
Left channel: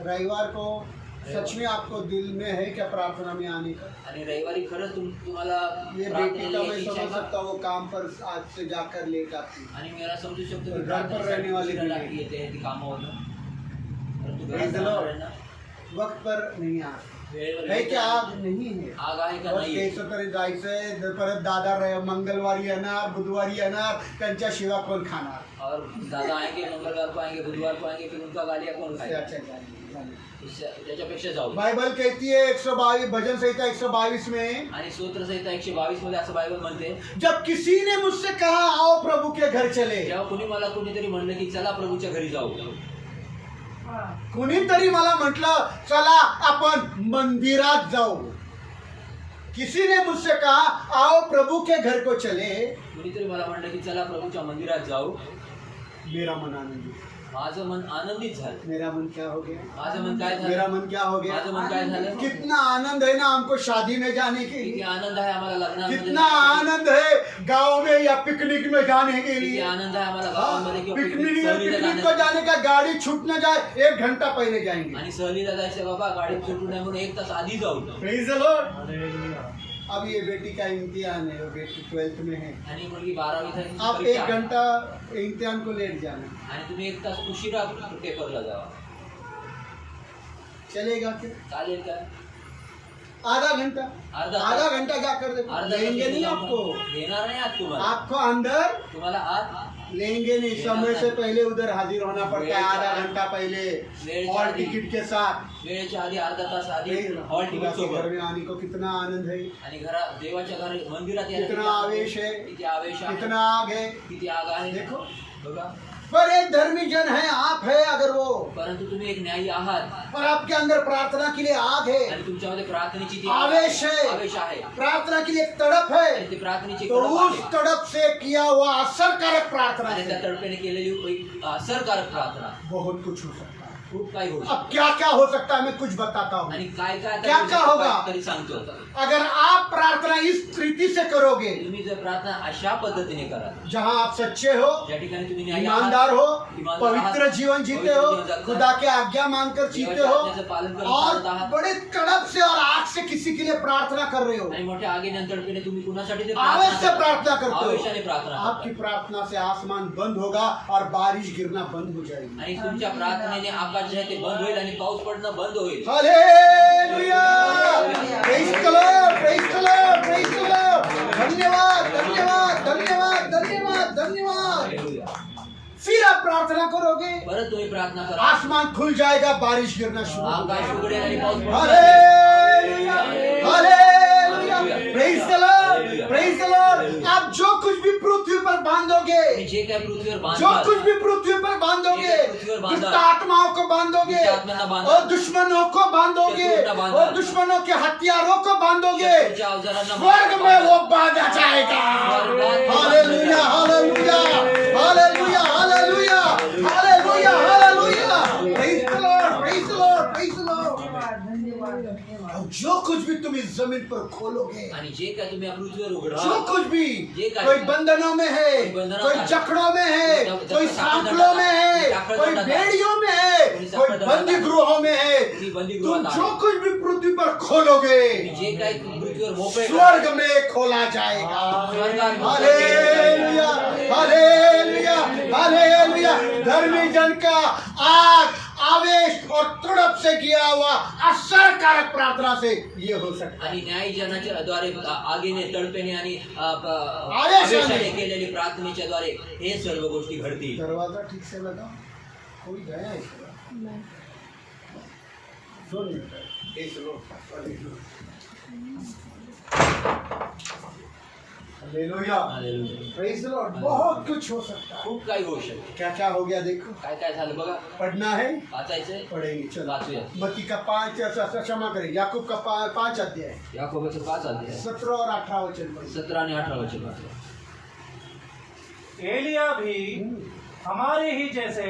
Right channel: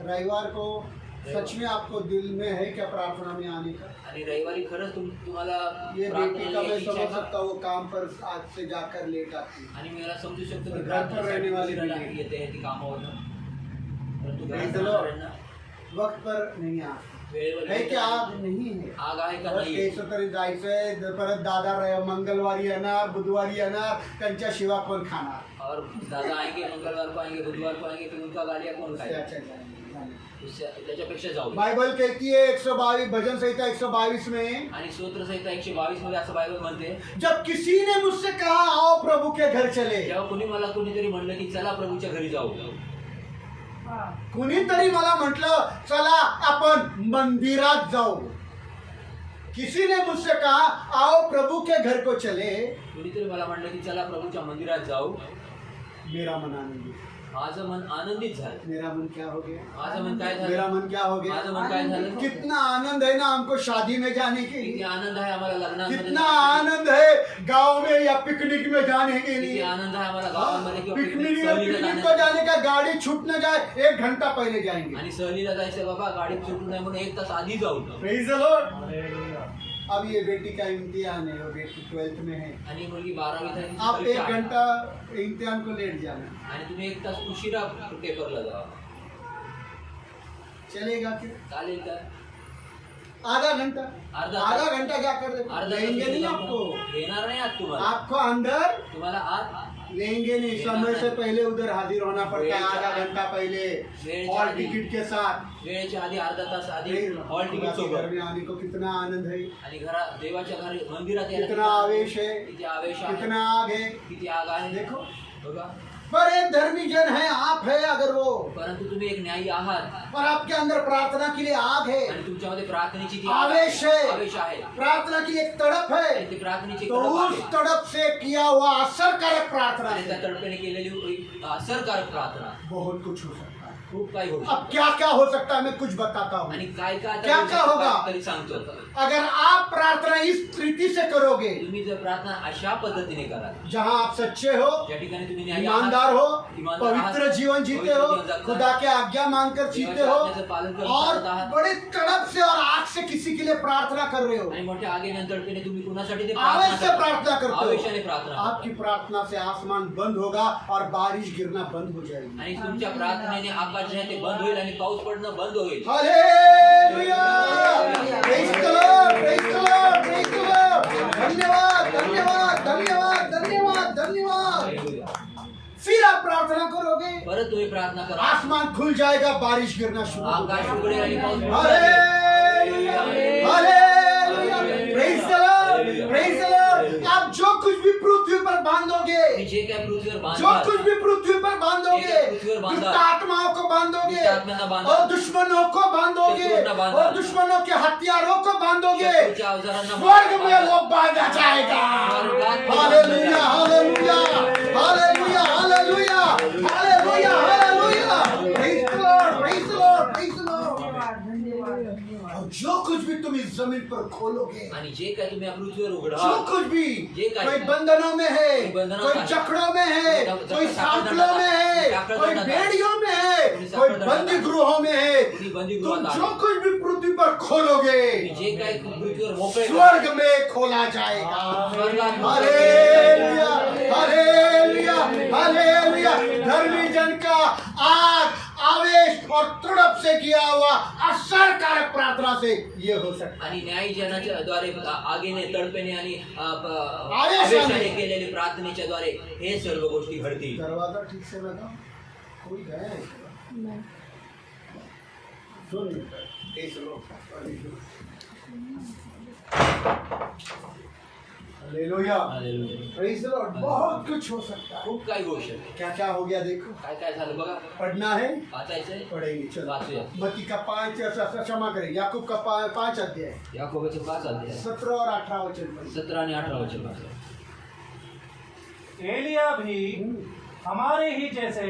रविवार को सच में आपको दिल में है क्या प्रार्थना में आने का? आणि रविवारी खरंच तुम्हाला ये बेटी प्रार्थनेला का मैं यायची इच्छा समझ आहे का? सकता हूँ, वो काम पर आज से जाकर लेट आती है। आणि मी याला समजू शकतो घर की पर प्रार्थनेसाठी रहने वाली उशिरा भी नहीं. येते ती कामावरनं. परंतु Praise घरात the Lord. राहणाऱ्यांना वक्त पर नहीं आती वेळेवर है, येते. क्या आग नहीं है? आग आहे का बस नाही? केस तरी जायचंय, परत दादा मंगळवारी येणार, बुधवारी येणार, त्यांच्याशिवाय कोण खाणार? और दादा आएंगे, मंगलवार को आएंगे, बुधवार को आएंगे, फिर उनका गालियाँ कौन इससे खाएगा? अच्छा जाने. त्याच्यापेक्षा जाऊ दे. बाइबल कहती है 122 भजन संहिता 122 में, आणि स्तोत्र संहिता 122 मध्ये असं बायबल म्हणते, जब किसी ने मुझसे कहा आओ प्रभु के घर चले, जेव्हा कुणीतरी म्हणलं की चला प्रभूच्या घरी जाऊ, कुणीतरी मला म्हटलं चला आपण मंदिरात जाऊ, किसी ने मुझसे कहा आओ प्रभु के घर को चले, कुणीतरी मला म्हणलं की चला प्रभूच्या मंदिरात जाऊ, मेरा मन आनंदित, माझं मन आनंदित झालं. मेरा मन क्या हो गया? माझं मन काय झालं? मेरा मन क्या हो गया? माझं मन काय झालं? कितना आनंद है ना हमको शादी में जाने के किती लिए, आनंद आहे आम्हाला लग्नामध्ये कितना जाण्यासाठी. आनंद है गांव में या पिकनिक में जाने के किती लिए, आनंद आहे आम्हाला गावामध्ये किंवा पिकनिक सहलीला पिकनिक को जाण्यासाठी. जाने का, गाड़ी छूट न जाए 1 घंटा पहले जाएंगे। आणि सहलीला जायचं बाबा, गाडी सुटू नये म्हणून 1 तास आधी जाऊ. Praise the Lord. हालेलुया. अब ये बेटी का इम्तिहान है, वो बेटी 12th में है, आणि मुलगी 12वीत आहे, आप परीक्षा 1 आहे. घंटा इम्तिहान को लेट जाना, आणि तुम्ही 1 तास उशिरा पेपरला जावा, चलेगा क्या? चालेल का? आधा घंटा, अर्धा तास. आधा घंटा जाकर अर्धा तास लेंगे नहीं उशिरा आपको, देणार नाही आज तुम्हाला. आपको अंदर तुम्हाला आज लेंगे नहीं, समय से पहले उधर हाजिर होना पड़ता है, आधा घंटा पहले हॉल टिकट के साथ। वेळेच्या आधी अर्धा तास आधी हॉल खुदा तिकीट के घर सोबत. में आने को कितना आनंद है, आणि घरात देवाच्या घरी मंदिरात यायला कितना आवेश है, किती आवेश आहे, कितना आग है। किती आग आहे. देखो, बघा, पर एक धर्मी जन है, आप है अगर वो, परंतु तुम्ही एक न्यायी आहात और आपके अंदर प्रार्थना के लिए आग है, आणि तुमच्यामध्ये प्रार्थनेची ती आवेश है, आवेश आहे, प्रार्थना के लिए एक तड़प आणि है, ती प्रार्थनेची तो तडप उस आहे. तड़प से किया हुआ असरकारक प्रार्थना आणि त्या से तडपेने केलेली एक असरकारक प्रार्थना बहुत कुछ हो सकता है। खूप काही होईल. अब क्या क्या हो सकता है मैं कुछ बताता हूँ। आणि काय काय क्या क्या होगा? तरी सांगतो. अगर आप प्रार्थना इस रीति से करोगे, तुम्ही जर प्रार्थना अशा पद्धतीने कराल, जहाँ आप सच्चे हो, ज्या ठिकाणी तुम्ही न्यायी आहात, ईमानदार हो, ईमानदार पवित्र आहात, जीवन जीते पवित्र हो, जीवन जगता खुदा के आज्ञा मानकर जीते देवाच्या हो, आज्ञेचं पालन करून और चालत आहात, बड़े तड़प से और आग से किसी के लिए प्रार्थना कर रहे हो, आणि मोठ्या आगीनंतर तुम्ही कुणासाठी ते आवेश से प्रार्थना करते आवेशाने हो, प्रार्थना आपकी करता. प्रार्थना से आसमान बंद होगा और बारिश गिरना बंद हो जाएगी। आणि तुमच्या प्रार्थनेने आकाश जे आहे ते बंद होईल आणि पाऊस पडणं बंद होईल. Hallelujah! Praise the Lord, praise the Lord, praise the Lord. धन्यवाद, धन्यवाद, धन्यवाद, धन्यवाद, धन्यवाद। हालेलुया. फिर आप प्रार्थना करोगे, परत तुम्ही प्रार्थना करा, आसमान खुल जाएगा, बारिश गिरना शुरू हो आकाश जाएगा। उघडेल आणि पाऊस पडेल. Hallelujah, hallelujah, praise the Lord, praise the Lord। आप जो कुछ भी पृथ्वी पर बांधोगे, तुम्ही जे काय पृथ्वीवर जो बांधता, कुछ भी पृथ्वी पर बांधोगे, पृथ्वीवर बांधा, दुष्ट आत्माओं को बांधोगे, दुष्ट आत्मांना बांधा, और दुश्मनों को बांधोगे, शत्रुंना बांधा, और दुश्मनों के हथियारों को बांधोगे, शत्रूच्या अवजारांना स्वर्ग में वो बांधा जाएगा। स्वर्गात हालेलुया, हालेलुया। जमीन पर खोलोगे, आणि जे काय तुम्ही या पृथ्वीवर उघडाल, जो कुछ भी ये काय कोई बंधनों में है, कोई बंधनों कोई में है, जकड़ों में है, जब कोई साखर सांकलों में है, साखर कोई दंड बेड़ियों में है, कोई कोई साखर दंड बंदी गृहों में है, कोई बंदी तुम गृहात जो आहे. कुछ भी पृथ्वी पर खोलोगे जे काय पृथ्वीवर मोकळे स्वर्ग में खोला जाएगा। स्वर्गात हालेलुया, हालेलुया, हालेलुया। धर्मी जन का आग, आवेश और तड़प से किया हुआ असरकारक प्रार्थना से ये हो सकता है। आणि न्यायजनाच्या द्वारे आगीने तडपेने आणि आवेशाने आवेशाने केलेली प्रार्थनेच्या द्वारे हे सर्व गोष्टी घडतील. दरवाजा ठीक से लगा, कोई गया है क्या? सुन एक लोग हालेलुया, प्रेज द लॉर्ड। बहुत कुछ हो सकता है। खूप काही होऊ शकते. क्या क्या हो गया देखो, काय काय झालं बघा. पढ़ना है, वाचायचंय, पढ़ेंगे। चलो वाचूया. मत्ती का 5 क्षमा करें, याकूब का 5 अध्याय याकोबाचं 5 अध्याय 17 और 18 वचन पढ़िए। 17 आणि 18 वचन वाचा. एलिया भी हमारे ही जैसे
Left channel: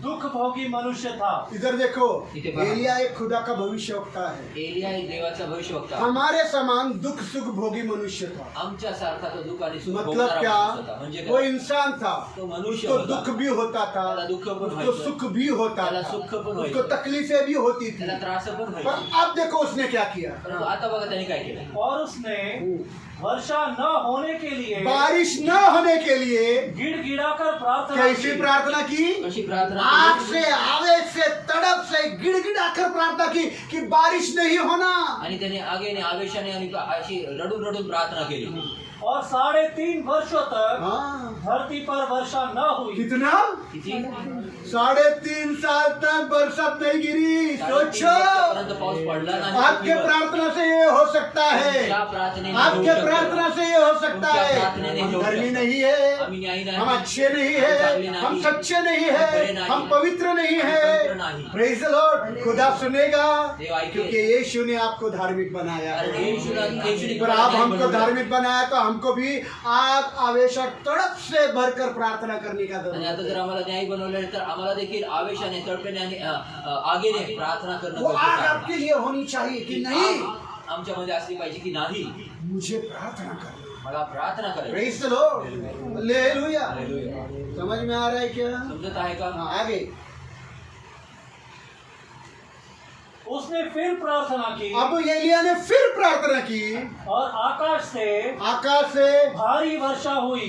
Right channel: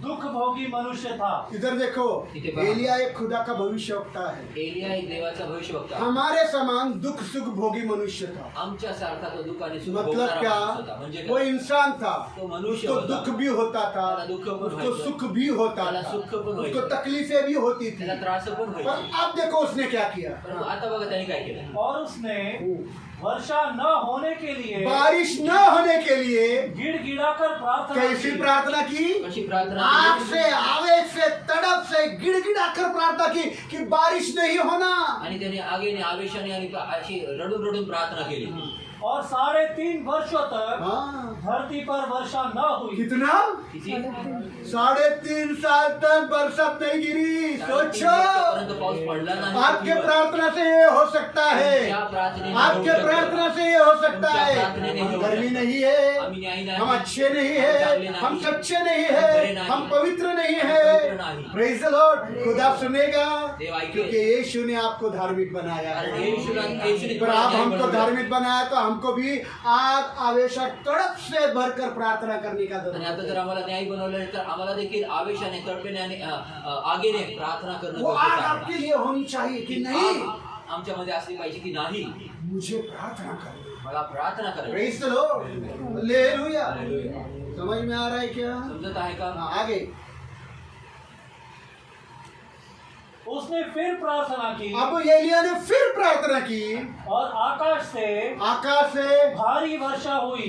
दुख भोगी मनुष्य था। इधर देखो, इथे पहा. एलिया एक खुदा का भविष्यवक्ता है, एलिया एक देवाचा भविष्यवक्ता. हमारे समान दुख सुख भोगी मनुष्य था। आमच्या सारखा तो दुःख आणि सुख मतलब भोगणारा क्या, माणूस होता. म्हणजे वो काय? इंसान था, तो मनुष्य उसको होता. दुख भी होता था, त्याला दुःख पण उसको व्हायचं, सुख भी होता त्याला था, सुख पण उसको व्हायचं, तकलीफें भी होती थी। त्याला त्रास पण पर व्हायचे. अब देखो उसने क्या किया, परंतु आता बघा त्याने काय केलं. और उसने वर्षा न होने के लिए बारिश न होने के लिए गिड़गिड़ा कर प्रार्थना कैसी की। प्रार्थना की, कशी प्रार्थना आग केली? से, आवेश से, तड़प से गिड़गिड़ा कर प्रार्थना की कि बारिश नहीं होना। आणि त्याने आगेने आवेशाने आणि अशी रडून रडून प्रार्थना केली. और 3.5 वर्षों तक हाँ, धरती पर वर्षा न हुई। कितना, किती 3.5 साल तक बरसात नहीं गिरी। सोचो, परंतु पाऊस पडला नाही. आपके प्रार्थना से ये हो सकता है, तुमच्या प्रार्थनेने होऊ आपके शकतं. प्रार्थना से ये हो सकता तुमच्या है। प्रार्थनेने हम होऊ धर्मी शकतं. नहीं है, आम्ही न्यायी नाही. हम अच्छे नहीं हम चांगले है, नाही. हम सच्चे नहीं हम खरे है, नाही. हम पवित्र नहीं हम है। पवित्र नाही. Praise the Lord. खुदा सुनेगा, देव ऐकेल. क्योंकि यीशु ने आपको धार्मिक बनाया कारण है। येशूने पर आप हमको बनवलं. धार्मिक बनाया तो हमको भी आग, आवेश और तड़प से भरकर प्रार्थना करने का आणि आता जरूरत जर है। आम्हाला न्याय बनवलं तर आम्हाला देखील आवेशाने तडपेने आणि आगेने प्रार्थना करणं वो आग गरजेचं आहे. आपके लिए होनी चाहिए कि नहीं, आग आमच्यामध्ये असली पाहिजे की नाही. मुझे प्रार्थना करनी। मला प्रार्थना करायची. Praise the Lord, hallelujah. समझ में आ रहा है क्या? समजत आहे का? हाँ, आगे उसने फिर प्रार्थना की अब एलिया ने फिर प्रार्थना की, और आकाश से भारी वर्षा हुई।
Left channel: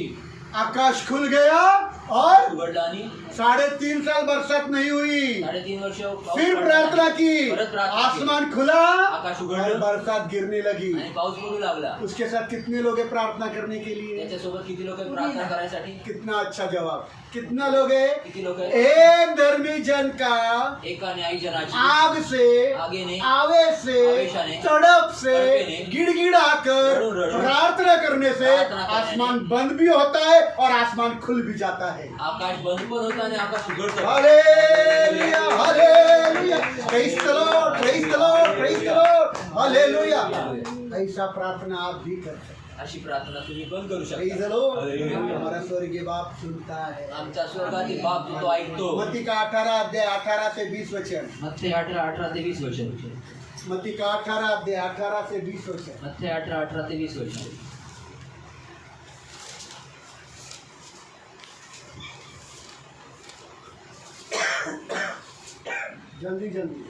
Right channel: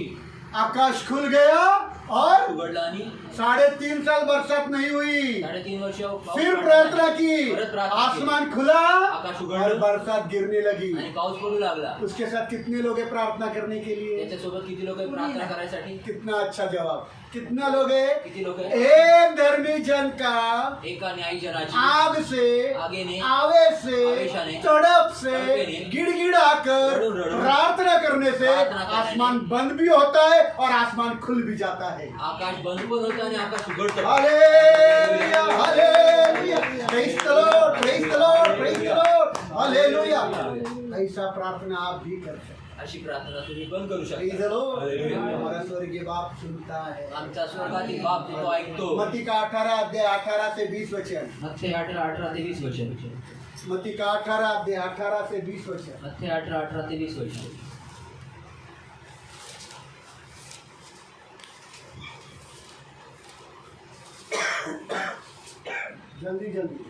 आकाश खुल गया और उघडला आणि 3.5 साल बरसात नहीं हुई। 3.5 वर्ष पाऊस फिर पडला प्रार्थना नाही. की, परत प्रार्थना केली. आसमान खुला आकाश और उघडलं बरसात गिरने लगी। आणि पाऊस पडू लागला. उसके साथ कितने लोग हैं प्रार्थना करने के लिए? त्याच्यासोबत किती लोक आहेत प्रार्थना करायसाठी? कितना अच्छा जवाब, कितना लोग हैं? किती लोक आहेत? एक धर्मी जन का एका न्यायजनाची आग से, आगेने, आवेश से, आवेशाने, तड़प से, तड़पेने, गिड़गिड़ा कर रड़ून रड़ून प्रार्थना करने से प्रार्थना करने आसमान बंद भी होता है और आसमान खुल भी जाता है। आकाश बंद पण होतं आणि आकाश उघडतं. Hallelujah, hallelujah, praise the Lord, praise the Lord, praise the Lord, hallelujah. ऐसा प्रार्थना आप भी कर सकते हैं। अशी प्रार्थना तुम्ही पण करू प्रेज द शकता. लॉर्ड। हालेलुया. हमारा स्वर्गीय बाप सुनता है। आमचा स्वर्गातील बाप जो तो ऐकतो. मत्ती का 18 अध्याय 18 से 20 वचन। मत्ते 18 ते 20 वचन. मत्ती का 18 अध्याय 18 से 20 वचन। मत्ते 18 ते 20 वचन. जल्दी जल्दी।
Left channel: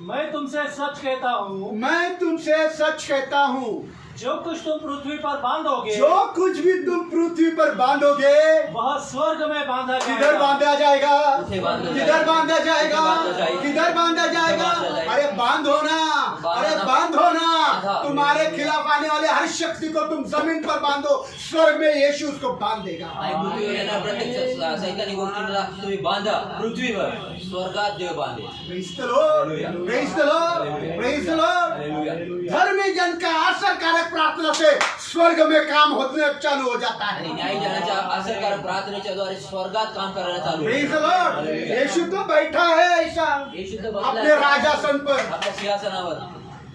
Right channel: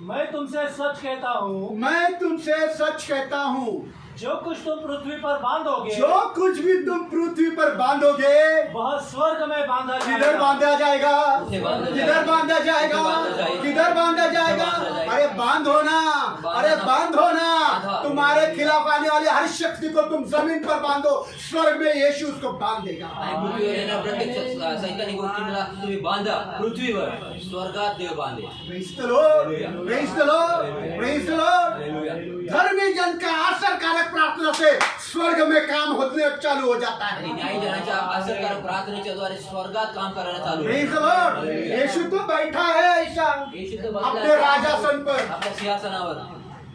मैं तुमसे सच कहता हूँ, मैं तुमसे सच कहता हूँ, जो कुछ तुम पृथ्वी पर बांधोगे जो कुछ भी तुम पृथ्वी पर बांधोगे वह स्वर्ग में बांधा किधर जाएगा। बांधा जाएगा, किधर बांधा किधर बांधा जाएगा, किधर बांधा जाएगा। अरे बांधो ना, अरे बांधो ना। तुम्हारे खिलाफ आने वाले हर शक्ति को तुम जमीन पर बांधो, स्वर्ग में यीशु उसको बांध देगा। आणि पृथ्वीवर येणाऱ्या प्रत्येक सैतानी गोष्टींना तुम्ही बांधा. पृथ्वीवर स्वर्गात देव बांधे. Praise the Lord, praise the Lord, praise the Lord. धर्मी जन का असरकारक प्रार्थना से स्वर्ग में काम होने चालू हो जाता आणि है। न्यायजनाच्या असरकारक प्रार्थनेच्या द्वारे स्वर्गात काम करायला चालू प्रेज द आहे. लॉर्ड। यीशु तो बैठा है ऐसा येशू तर अपने बसलाय राजासन पर। आपल्या सिंहासनावर.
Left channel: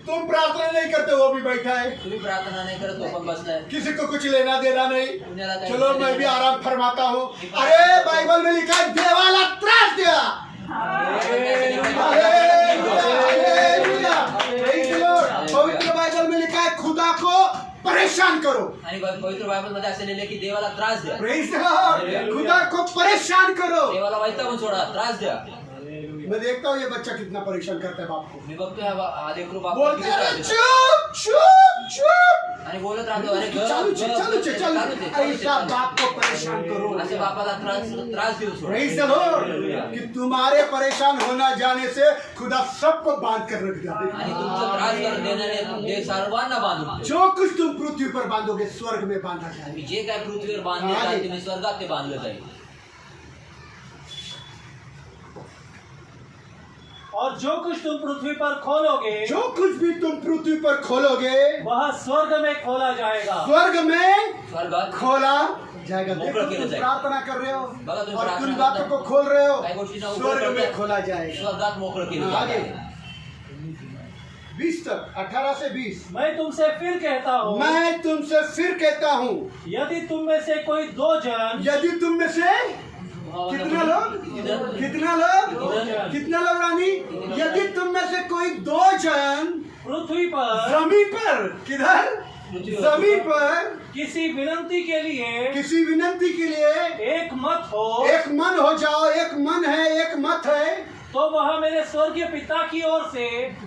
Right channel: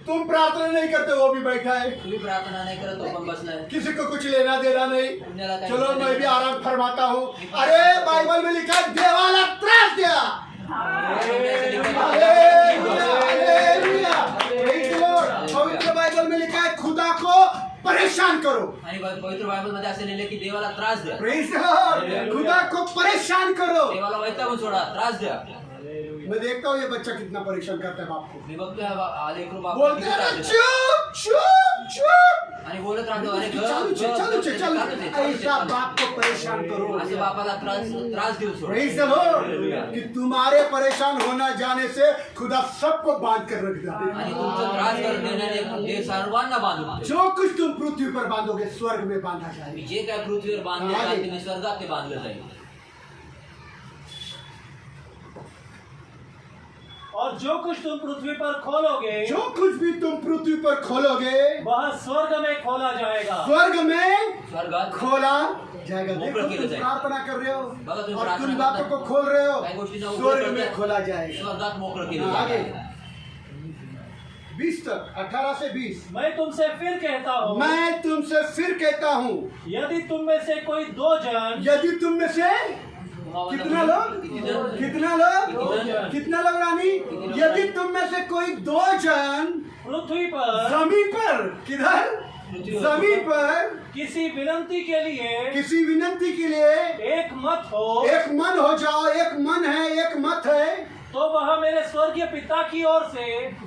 तुम प्रार्थना नहीं करते, वो भी बैठा है। तुम्ही प्रार्थना नाही करत, तो पण बसलाय। किसी को कुछ लेना देना नहीं। पुण्याला काय चलो मैं भी आराम फरमाता हूँ। अरे बाइबल में लिखा है देवाला त्रास दिया। पवित्र बाइबल में लिखा है खुदा को परेशान करो। आणि पवित्र बायबल मध्ये असं लिहिलंय की देवाला त्रास द्या, Praise the Lord. खुदा को परेशान करो। देवाला वैतागून सोडा, त्रास द्या। मैं देखता हूँ ये बच्चा कितना परेशान करता है बाप को। मी बघतोय हा लेकरू बाप बोलते हैं चुप चुप चुप। आणि बोलत राहतो, अरे गप, चालू छे, गप, चालू छे, गप, चालू चालू छे। छे, ऐसा बाप को परेशान करो। असं बापाला त्रास देऊ सोड। Praise the Lord. कि तुम्हारे परेशान होना जाने से खुदा सबको बांध कर रख देता है। आणि तुमचं त्रास करून देणारे ते सर्वांना बांधून ठेवेल। जो कुछ तुम पृथ्वी पर बांधोगे स्वर्ग में बांधा जाएगा। तुम्ही जे काय पृथ्वीवर बांधले आगे. जाते स्वर्गात ते बांधलं जाईल। और जो कुछ तुम पृथ्वी पर खोलोगे जो कुछ भी तुम पृथ्वी पर खोलोगे वह स्वर्ग में खोला जाएगा। स्वर्ग में स्वर्गात खोला जाएगा। देखो मोकळं केलं तुम जाईल। प्रार्थना कर रहे हो बघा तुम्ही और प्रार्थना कुछ करताय. बातों को खोल रहे काही हो, गोष्टींना उघड स्वर्ग में करताय. खोला जाएगा। स्वर्गात मोकळं केलं आगे जाईल। 20 तक 18 से 20। मैं तुमसे फिर कहता हूँ, मैं तुमसे फिर कहता हूँ, यदि तुम में से कोई दो जन यदि तुम में से कितना लोग कितना लोग कितना लोग रानी, यदि तुम में से कोई दो जन पृथ्वी पर जमीन पर किधर जमीन पर किसी विनती के लिए किसी विनती के लिए एक मत हो, एक मन हो जाओ, एक मन है, एक मत है, तो वह मेरे स्वर्गीय पिता की ओर से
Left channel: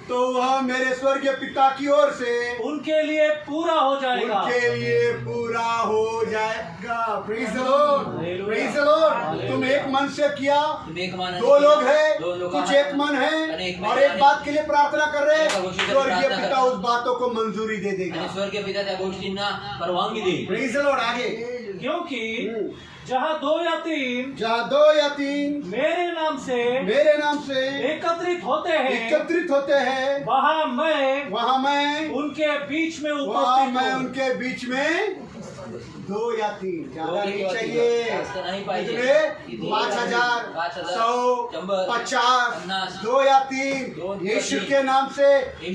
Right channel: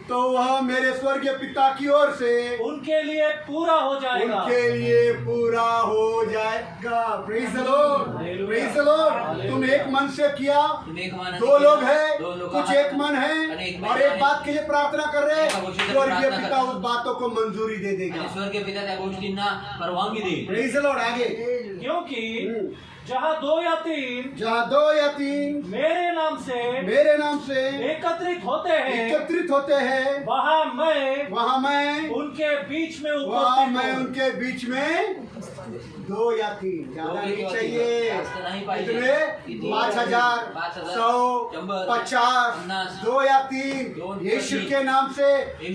तो वह मेरे स्वर्गीय पिता की ओर से उनके लिए पूरा हो जाएगा। उनके लिए पूरा हो जाएगा। Praise the Lord, praise the Lord. तुम एक मन से किया, तुम्ही एक मानाने दो लोग केलं, हैं, दोन लोक कुछ आहात. एक मन आणि है एक और मन एक आहे. बात के लिए प्रार्थना कर रहे एका हैं, गोष्टीसाठी स्वर्गीय प्रार्थना पिता करा. उस बातों को मंजूरी दे देगा। आणि स्वर्गीय पिता त्या गोष्टींना परवानगी देईल। Praise the Lord. आगे क्योंकि जहाँ दो या तीन जहाँ दो या तीन मेरे नाम से एकत्रित होते हैं, एकत्रित होते हैं, वहाँ मैं उनके बीच में उनके बीच में 2 या 3 ज्यादा नहीं चाहिए। जास्त नाही पाहिजे। कितने 5000 100 50 2 या 3 यीशु के नाम से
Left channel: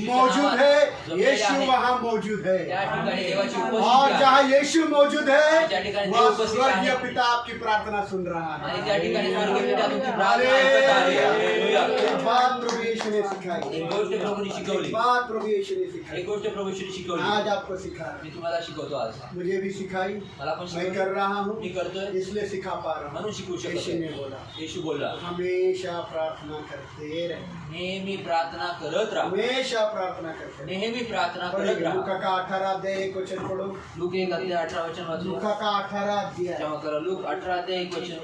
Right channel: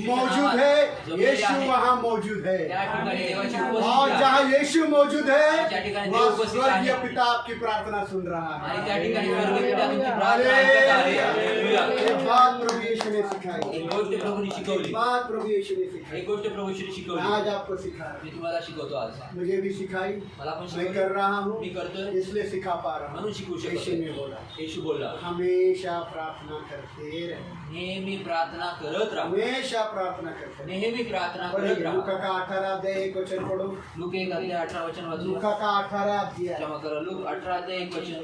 मौजूद है। यीशु वहाँ मौजूद है त्या ठिकाणी देवाची और उपस्थिती आहे. जहाँ यीशु मौजूद है त्या ठिकाणी वह देव उपस्थित स्वर्गीय आहे. पिता आपकी प्रार्थना सुन रहा है। आणि त्या ठिकाणी स्वर्गीय पिता तुमची प्रार्थना ऐकत आहे. हालेलुया. एक बात प्रभु यीशु ने सिखाई, एक गोष्ट प्रभूने एक शिकवली, बात प्रभु यीशु ने सिखाई, एक गोष्ट प्रभूने शिकवली. आज आपको सिखा, मी तुम्हाला शिकवतो आज. मुझे भी सिखाई, मला पण मैं शिकवली. कर रहा हूँ, मी करतोय इसलिए सिखा पा रहा म्हणून हूँ। शिकू यीशु शकतो. ने बोला येशू बोलला, हमेशा प्रार्थना करते रहे, नेहमी प्रार्थना करत राहा, हमेशा प्रार्थना करते रहे। नेहमी प्रार्थना करत पढ़िए, राहा. लूका का 18 अध्याय 1 वचन पढ़ो। लूक 1:18 वचन वाचूया. लूका का 18 अध्याय क्षमा करा. लूक 18:1 वचन.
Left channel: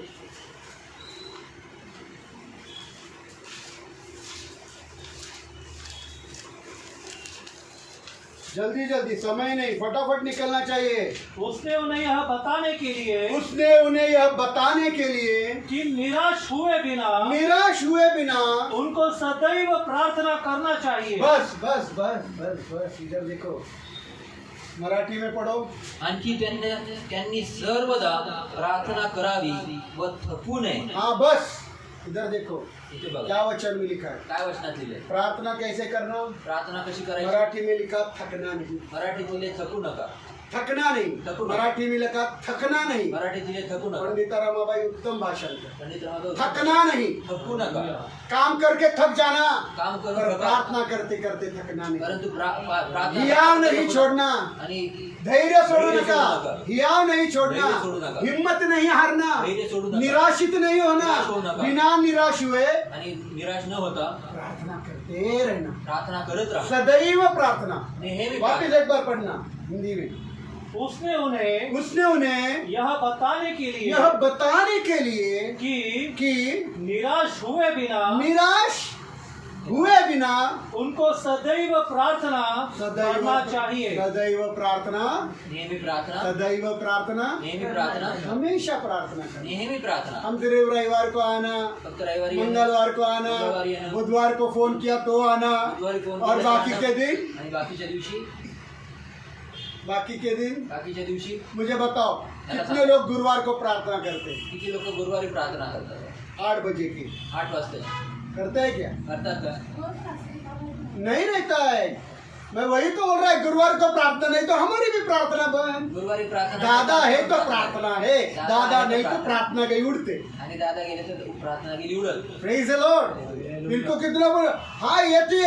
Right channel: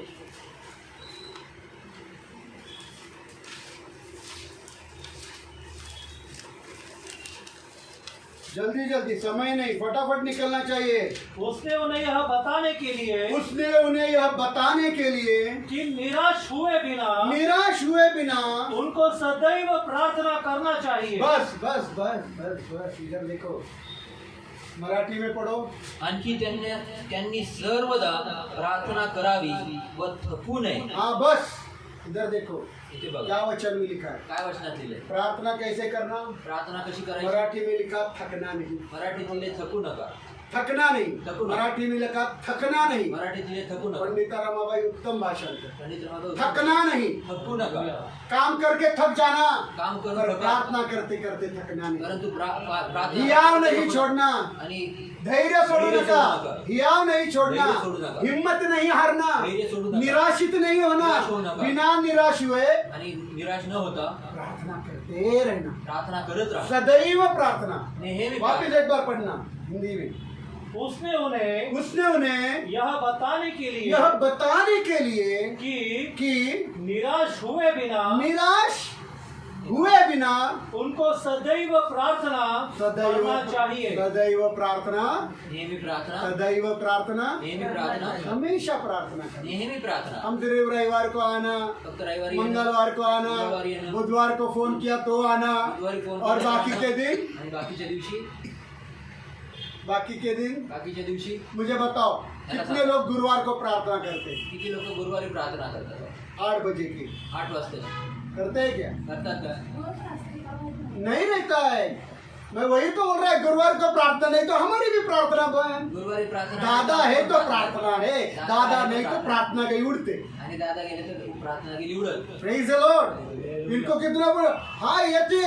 जल्दी जल्दी, समय नहीं, फटाफट निकलना चाहिए। उसने उन्हें यह बताने के लिए उसने उन्हें यह बताने के लिए कि निराश हुए बिना निराश हुए बिना उनको सदैव प्रार्थना करना चाहिए। बस बस बस बस बस इधर देखो, मराठी में पढ़ो। आणखी त्यांनी सर्वदा प्रार्थना करावी व थकू नये. हाँ बस इधर देखो इथे बघा क्या वचन में लिखा है, काय वचनात लिहिलंय. प्रार्थना कैसे करना। प्रार्थना कशी करायची. मराठी में लिखा थकना नहीं, मराठी बोलले थकू नका. थकना नहीं। थकू नका. मराठी में लिखा थकना नहीं। मराठी दिले थकू नका. पंडित रमाबाई उत्तम भाषण कर, पंडित रमाबाई थकना नहीं। थकू नका. काम करके थक जाना, काम करून पर थका. प्रार्थना करते करते थकना नहीं। परंतु प्रार्थना हियाव नहीं छोड़ना, आणि धैर्य सोडू धैर्य नका, सोडू नका. हियाव नहीं छोड़ना, धैर्य सोडू नका. हिम्मत नहीं हारना, धैर्य सोडू नका. निराशित नहीं होना, निराश होऊ नका. बिना निराश हुए आणि निराश न होता प्रार्थना करते रहना, प्रार्थना करत राहा. सदैव प्रार्थना। नेहमी वापिस एक बार पढ़ना हिंदी में। उसने उन्हें यह बताने के लिए बताने के लिए कि निराश हुए बिना निराश हुए बिना उनको सदैव प्रार्थना करना चाहिए. सदैव प्रार्थना, नेहमी प्रार्थना, सदैव प्रार्थना, नेहमी प्रार्थना, हमेशा प्रार्थना करना। नेहमी प्रार्थना. हम सिर्फ रविवार को आना, फक्त रविवारी मंगलवार को आना, मंगळवारी येणं, बुधवार को फोन किया तो आना, बुधवारी फोन और केला बाकी जाणं, के दिन आणि बाकीच्या दिवशी बाकीच्या दिवशी मुझे बताओ कितने लोग गुरुवार को प्रार्थना करते हैं? किती लोक गुरुवारी प्रार्थना करतात? 8 बजे की 8 वाजता करते हैं क्या? करतात का? नहीं रहता है। मैं वही तो बोल रहा है, गुरुवार को प्रार्थना नहीं तो हमारी भी प्रार्थना बहन। गुरुवारी प्रार्थना दादा है तो प्रार्थना है, दादा नहीं तो प्रार्थना गई उड़ते। आणि दादा गेले तर प्रार्थना गेली उडत. Praise the Lord. इनको कितना बोलो, हाँ येते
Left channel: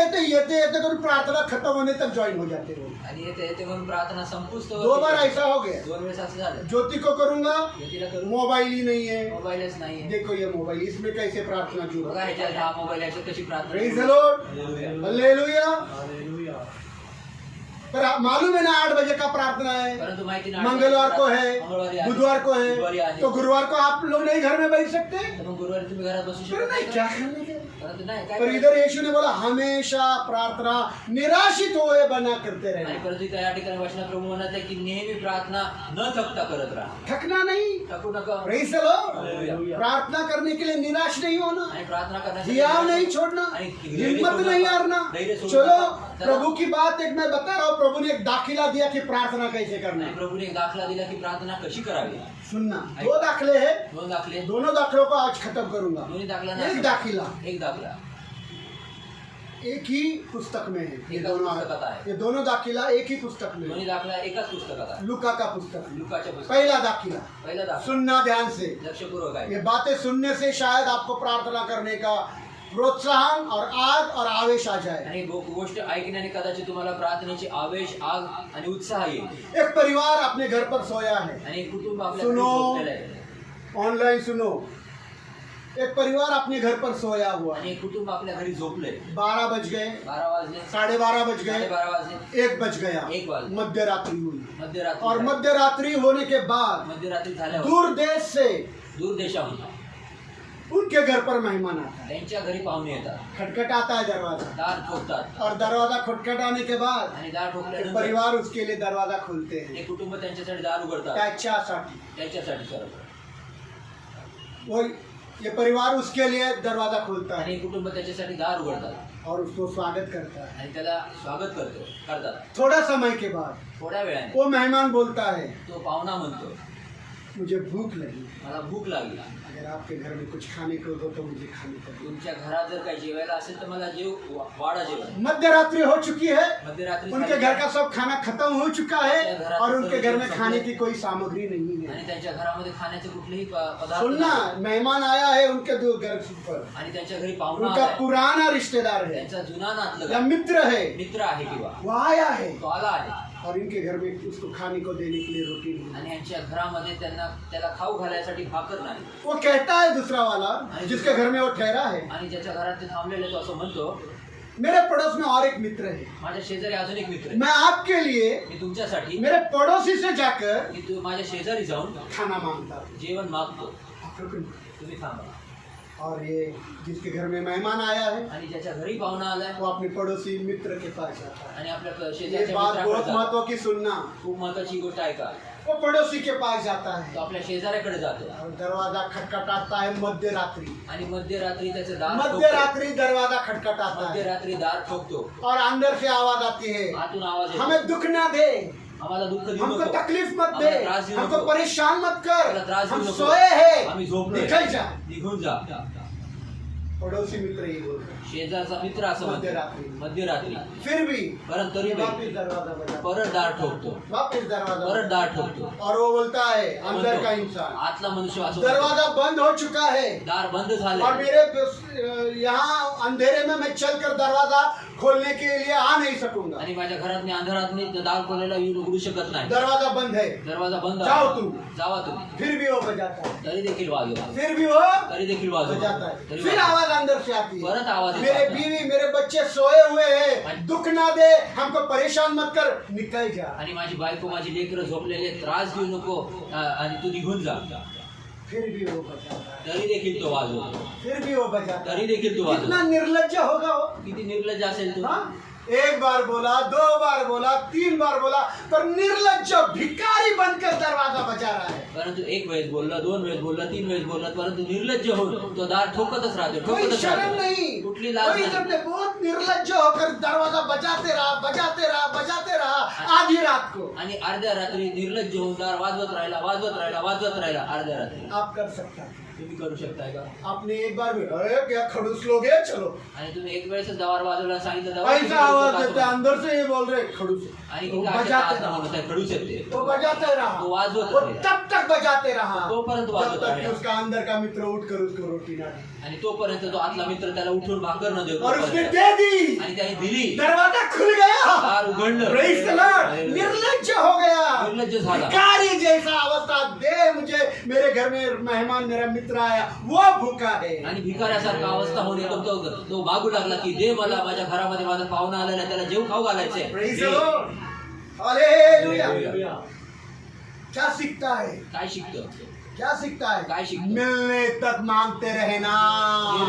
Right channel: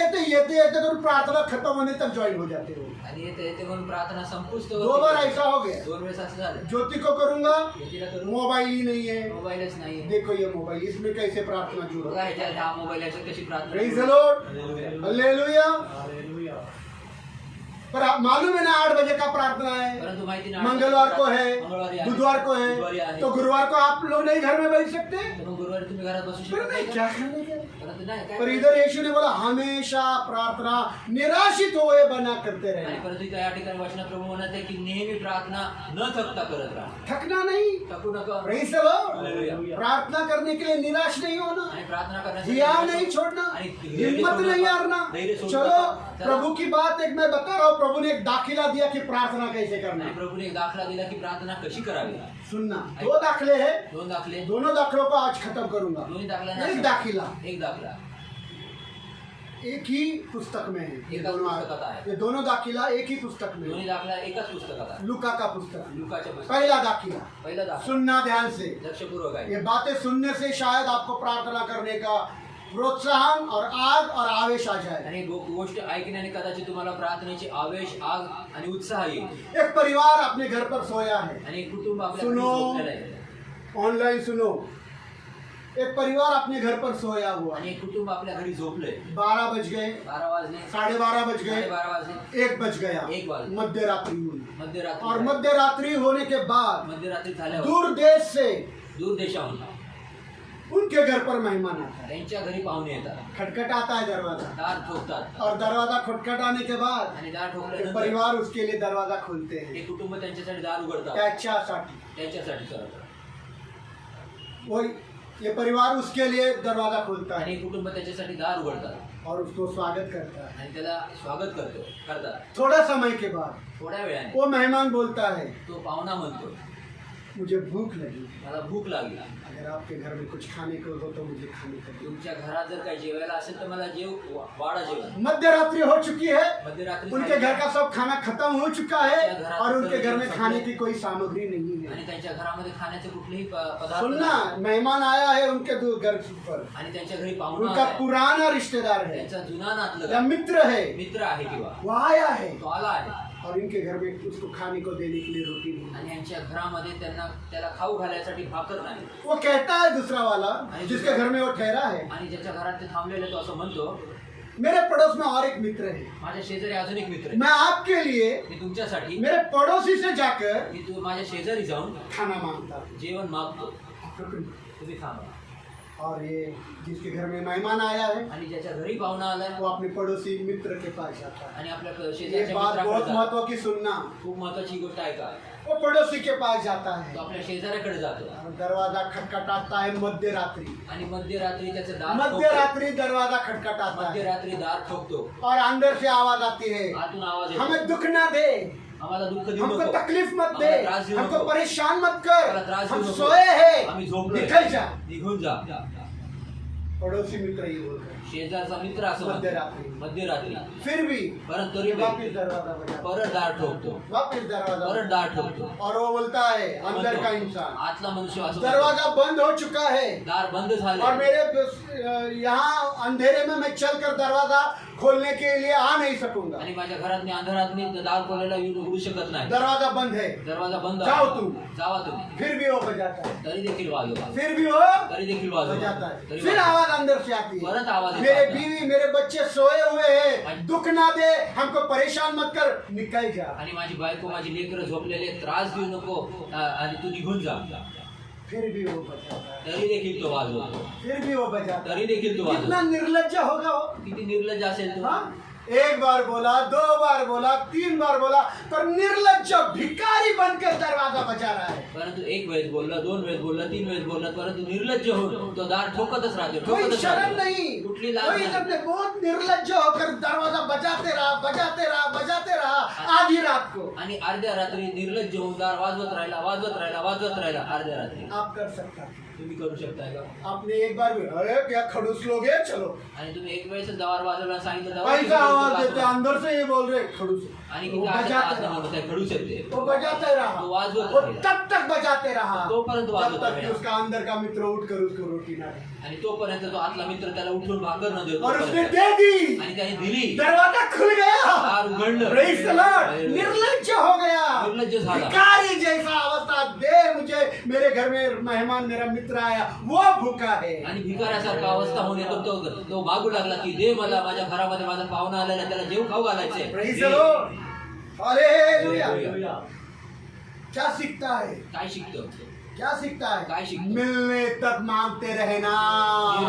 तो प्रार्थना खत्म होने तक ज्वाइन हो जाते हो। आणि येते म्हणून प्रार्थना संपूच 2 बार ऐसा हो गया। 2 वेळेस असं झालं. ज्योति को करूंगा, ज्योतीला करू मोबाइल ही नहीं है। मोबाईलच नाही. देखो ये मोबाइल, इसमें कैसे प्रार्थना जुड़ा। बघा ह्याच्यात हा मोबाईल याच्यात कशी प्रार्थना. Praise the Lord, hallelujah. Hallelujah. पर आप मालूम है ना 8 बजे का प्रार्थना है, परंतु माहिती नाही. मंगलवार को मंगळवारी है, आहे. बुधवार को बुधवारी है, आहे. तो गुरुवार को आप लोग नहीं घर में बैठ सकते। तर मग गुरुवारी तुम्ही घरात बसू पर शकत नहीं, नाही क्या का? करने के? परंतु नाही काय पर करायचं? इधर यीशु ने बोला हमेशा प्रार्थना निराशित हुए बना करते आणि रहना। परंतु इथं या ठिकाणी वाचन प्रभू म्हणत आहे की नेहमी प्रार्थना न थकता करत राहा. थकना नहीं। थकू नका. Praise the Lord. हालेलुया. प्रार्थना करने के लिए निराश नहीं होना, आणि प्रार्थना करण्यासाठी हिया नहीं छोड़ना, आणि हिम्मत नहीं हारना। धैर्य सोडू चलो नका. प्रभु की बात एक मैं बता रहा हूँ, प्रभु ने एक दाखिला दिया कि प्रार्थना कैसे करना आणि है। प्रभूने एक दाखला दिला की प्रार्थना कशी करावी. सुनना, 2 दाखले हैं, 2 दाखले. दोनों दाखलों को आज खत्म करूंगा। दोन्ही दाखला एक दाखिला एक दाखला एक ही पुस्तक में है, ये एकाच दोनों पुस्तकात आहे. ये दोनों दाखिला एक ही पुस्तक में दोन्ही है, दाखला एकाच पुस्तकात आहे. लुका का पुस्तक। लुकाच्या पुस्तकात पहला दाखिला, पहिला दाखला सुनना ध्यान से। लक्षपूर्वक आहे. ये बातें सुनने से शायद आपको प्रार्थना करने का प्रोत्साहन और आग और आवेश आ जाए। आणि गोष्ट ऐकण्याने कदाचित तुम्हाला प्रार्थनेची आवेश आग आणि उत्साह येईल. एक परिवार अपने घर पर सोया है, आणि एक कुटुंब आपल्या सुनो. घरी झोपलेलं आहे. ऑनलाइन सुनो। एक परिवार अपने घर पर सोया हुआ आणि है, एक कुटुंब आपल्या घरी झोपलंय. 12 बज गए, 12 वाजले, 12:30 बज गए, 12:30 वाजले, 1 बज गया, 1 वाजले. मध्य रात्रि हुई। मध्यरात्री और झाली. मध्य रात्रि होने के बाद मध्यरात्री झाल्यावर दूर देश से दूर देशाहून उनके घर पर मेहमान आता है, त्यांच्या घरी पाहुणे येतात. खटखटाता है दरवाजा, दार ठोकतात और दरवाजा खटखटाने के बाद आणि दार एक ठोकल्यानंतर परिवार उसके लिए दरवाजा खोलते हैं एक कुटुंब त्यांच्यासाठी दार उघडतात. त्याच्यासाठी। त्याच्यासाठी करत वो ये परिवार उसके लिए दरवाजा खोलता आणि है एक कुटुंब त्याच्यासाठी दार उघडतात और उसको स्वागत करता है। आणि त्याला स्वागत करतात. थोड़ा समय के बाद थोड्या वेळाने वो मेहमान बोलता है तो पाहुणा म्हणतो मुझे भूख लगी, मला भूक लागली. अगर आपके घर में कुछ खाने को हो तो मुझे खाने को दो। तुमच्या घरात जर काही जेवायला असेल तर मला वाढा जेवण. मध्य रात्रि हो चुकी है, मध्यरात्री उनके झाली घर का सब खाना खत्म हो चुका है और उनके घर में खाने की कोई सामग्री नहीं है। आणि त्यांच्या घरामध्ये खाण्याचे कुठलेही पदार्थ सुनना, नाही. मेहमान आया है उनके घर पर, आणि त्यांच्या घरी पाहुणा उनका आलाय. पुराना रिश्तेदार है त्यांचा जुना नातलग या मित्र है, मित्र आहे किंवा वो आया है तो आला आहे और इनके घर में उसको खाने को देने के लिए रोटी नहीं। आणि यांच्या घरामध्ये त्याला खाऊ घालायसाठी भाकर नाही. वो कहता है दूसरा वाला जिसके घर में वो ठहरा है, आणि ज्याच्या घरात ते थांबलेले तो असं म्हणतो मेरे पड़ोस में और एक मित्र है, माझ्या शेजारी अजून एक मित्र आहे. मैं आपके लिए मी तुमच्यासाठी मेरे पड़ोसी से जाकर मी माझ्या शेजारी जाऊन खाना मांगता हूं। जेवण मागतो. तुम्ही थांबा. और ये जिसके घर में मेहमान आया है आणि ज्याच्या घरी पाहुणा आलाय वो अपने पड़ोसी मित्र के पास जाता है। आणि आपल्या ये शेजारच्या बात मित्राकडे बहुत जातो. महत्व की सुनना। खूप महत्वाची गोष्ट आहे का. वो पड़ोसी के पास जाता है तो आपल्या शेजाऱ्याकडे जातो और दरवाजा खटखटाता है मध्य रात्रि। आणि मध्यरात्री त्याचं दार मध्य ठोकतो. रात्रि दरवाजा खटखटाता है मध्यरात्री दार ठोकतो. और अंदर से आवाज आती है, आतून आवाज येतो. हमें दुख ना दे, आम्हाला दुःख देऊ हमको नको. तकलीफ मत दे, आम्हाला त्रास देऊ हमको नको. परेशान मत आम्हाला कर, त्रास देऊ हम नको. सोए हैं, आम्ही झोपलोय. निकल जा। निघून जा. पड़ोसी मित्र ही बोल रहे हैं। शेजारचा मित्र असं म्हणतो. मध्यरात्री। मध्यरात्री फिर भी परत तरी वापिस दरवाजा बजाता है, परत दार ठोकतो. वापिस दरवाजा परत बजाता दार ठोकतो. है। और वो बोलता है अंदर का इंसान, आतला मनुष्य असं म्हणतो, दरवाजा बंद हो चुका है दार बंद और झाले मेरे यहाँ अंधेरे में मैं चलकर दरवाजा खोलने के लिए आ नहीं सकूंगा, आणि माझ्या घरात मी अंधारात मी दार खोलायला उघडू शकत नाही. दरवाजा बंद है। दरवाजा बंद जाओ आहे. तुम। जावा तुम्ही. फिर भी वो बजाता है, तरी देखील वाजवा. फिर भी वो तरी देखील वाजवा. बजाता है। तरी फिर वाजवा. आवाज अंदर से आती है, परत आवाज येतो मेरे आता. बीवी मेरे बच्चे सोए हुए हैं, दुख ना दे, हमको परेशान मत कर, निकल जा। आणि माझी बायको माझी लेकरं झोपलेले, त्रास देऊ नको आणि तू निघून जा. फिर भी वो बजाता है, तरी देखील तो वाजवतो. फिर भी वो बजाता तरी है। देखील तो कितना वाजवतो. निर्लज्ज होगा वो। किती निर्लज्ज असेल तो. हाँ? 1 बार बोला, 2 बार बोला, 3 बार बोला, पर निर्लज्ज भिखारी बनकर दरवाजा बजा रहा है। परंतु 1 वेळेस बोलला, 2 वेळेस बोलला, 3 वेळेस बोलला, परंतु निर्लज्ज होऊन तो दार ठोकतच राहतो. कोई ठोकतच शर्म राहतो. नहीं, कुठली लाज कोई नाही. जब बहुत निर्लज्ज होकर दरवाजा बजाते रहा, बजाते रहा, बजाते रहा। आधी रात को आणि अर्ध्या रात्री निर्लज्ज होऊन दार वाजवत राहिला अर्ध्या रात्री आप कर सकता है। तुम्ही करू शकताय का? आपने एक बार भी अरे क्या खड़ूस लोग हैं, चलो आणि तुम्ही एक वेळेस दार वाजवला सांगितलं ऐसा आवाज देते हैं, अंदर से ये बोल रहे खड़ूस, आणि वो बजाते रहा, खडूस येते वो बजाते रहा, वो वाजवत वो राहिला. तब तक बजाते रहा तोपर्यंत जब वाजवत तक कि राहिला. उसका अंदर का मित्र उठ कर उसको रोटी ना दे, आणि तोपर्यंत तो आतला मित्र त्याला उठून भाकर न देतो और उसने दे दी, आणि त्याने दिली. दरवाजा खुल गया, दार उघडलं. Praise the Lord, निर्लज्ज हो गया, निर्लज्ज झाला. भिखारी जैसा अवस्था, दे मुझे, मेरे घर में मेहमान मेरा मित्र आया वो भूखा है, आणि भिकाऱ्यासारखा अवस्था होऊन येतो तो मागू लागला की दे मला, माझ्या घरामध्ये माझा पाहुणा आलेला त्याला जेव खाऊ घालायचंय. Praise they. the Lord, hallelujah. Hallelujah. क्या सीखता है, काय शिकतो? क्या सीखता है, काय शिकतो? मिलने तक मांगते रहना,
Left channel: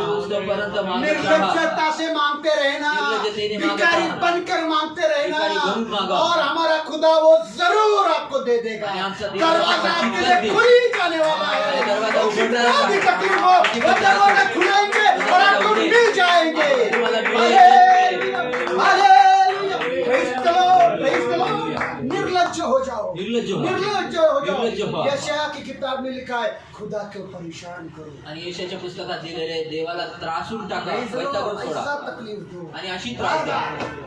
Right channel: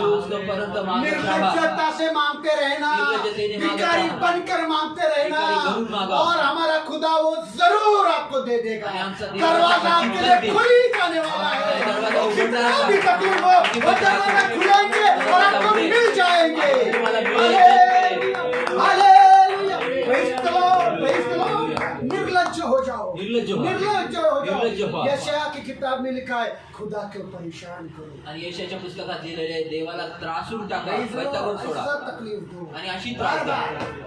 उसपर्यंत मागत निर्लज्जता से मांगते रहना, निर्लज्जतेने मांगत भिखारी राहा. बनकर मांगते रहना, भिखारी बनून मागा. और हमारा खुदा वो जरूर आपको दे देगा, आणि आमचा देव दरवाजा आपको आपके दे. लिए खुल ही जाने वाला है, आणि दरवाजा और उघडणार जितना भी आहे. तकलीफ हो वो दरवाजा खुलाएंगे और आपको मिल जाएंगे। तुम्हाला मिळेल. Hallelujah, hallelujah, praise the Lord, praise the Lord। निर्लज्ज हो जाओ, निर्लज्ज हो. निर्लज्ज हो निर्लज्ज जाओ। व्हा. यशाया की किताब में लिखा है खुदा को परेशान करो, आणि यशाच्या पुस्तकात लिहिलेले देवाला त्रासून टाका, Praise the वैतागून Lord, सोडा ऐसा तकलीफ दो, आणि अशी त्रास द्या.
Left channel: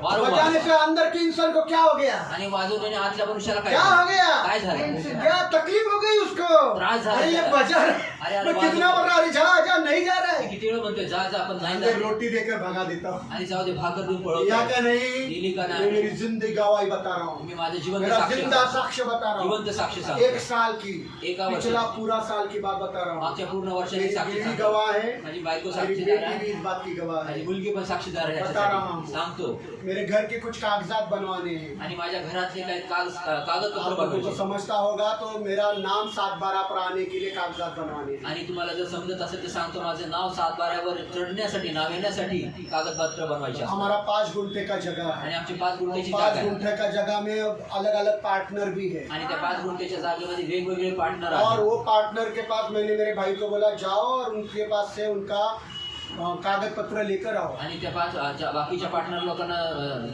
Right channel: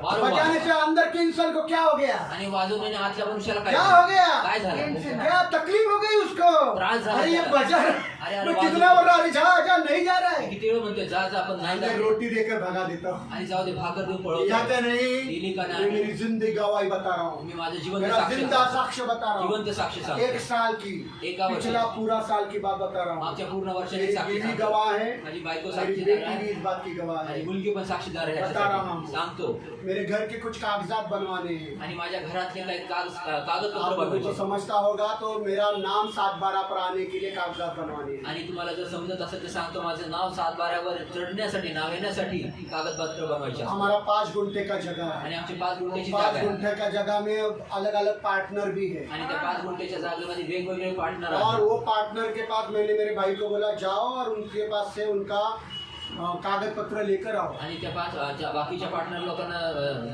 वारंवार. बजाने से अंदर के इंसान को क्या हो गया, आणि वाजवण्याने आतल्या मनुष्याला क्या हो गया, काय झालं? क्या तकलीफ हो गई उसको, त्रास झाला अरे ये त्याला. बजा अरे, मैं कितना बोल रहा, अरे जा जा, नहीं जा रहा है, किती वेळ म्हणतोय जा जा आपण नाही एक जात. रोटी देकर भगा देता हूँ, आणि जाऊ दे भाकर देऊन या पळवतो. क्या दिली का नहीं, नाही? ये मेरी जिंदगी गवाही बता रहा हूँ, मी माझं जिवंत मेरा साक्ष जिंदा साक्ष्य बता रहा जिवंत हूँ, साक्ष एक सांगतो. साल की, एका वर्षाची. पिछला पूरा साल की बात बता रहा हूँ, मागच्या पूर्ण वर्षाची मेरी साक्षी बीवी सांगतो. गवाह है, माझी बायको मेरी साक्षीदार बेटी आहे. भी इस बात की गवाह माझी है, मुलगी पण साक्षीदार आहे बता रहा याच्यासाठी. हूँ. सांगतो. मेरे घर के कुछ कागजात बनवाने हैं, आणि माझ्या घरातले काही कागदपत्र आप लोगों को बनवायचे. समझता होगा तो मेरा नाम 7/12 पर आने के लिए कागजात बनवाने हैं। आणि तुम्हाला जर समजत असेल तर सांगतो, माझं नाव 7/12 चढण्यासाठी, नाव येण्यासाठी कागदपत्र बनवायचे असतात. हमारा 5 गुंठे का जगह है, आणि आमची 5 गुंठ्याची 5 जागा आहे. गुंठे का जगह में अलग अलग पार्टनर भी है, आणि त्या 5 गुंठ्याच्या जागेमध्ये वेगवेगळे पार्टनर और आहेत. वो पार्टनर के पास मैंने मेरे भाई को बोला जाओ और उनके पास से उनका कागज पत्र लेकर आओ। आणि त्या बाकीच्या पार्टनर लोकांना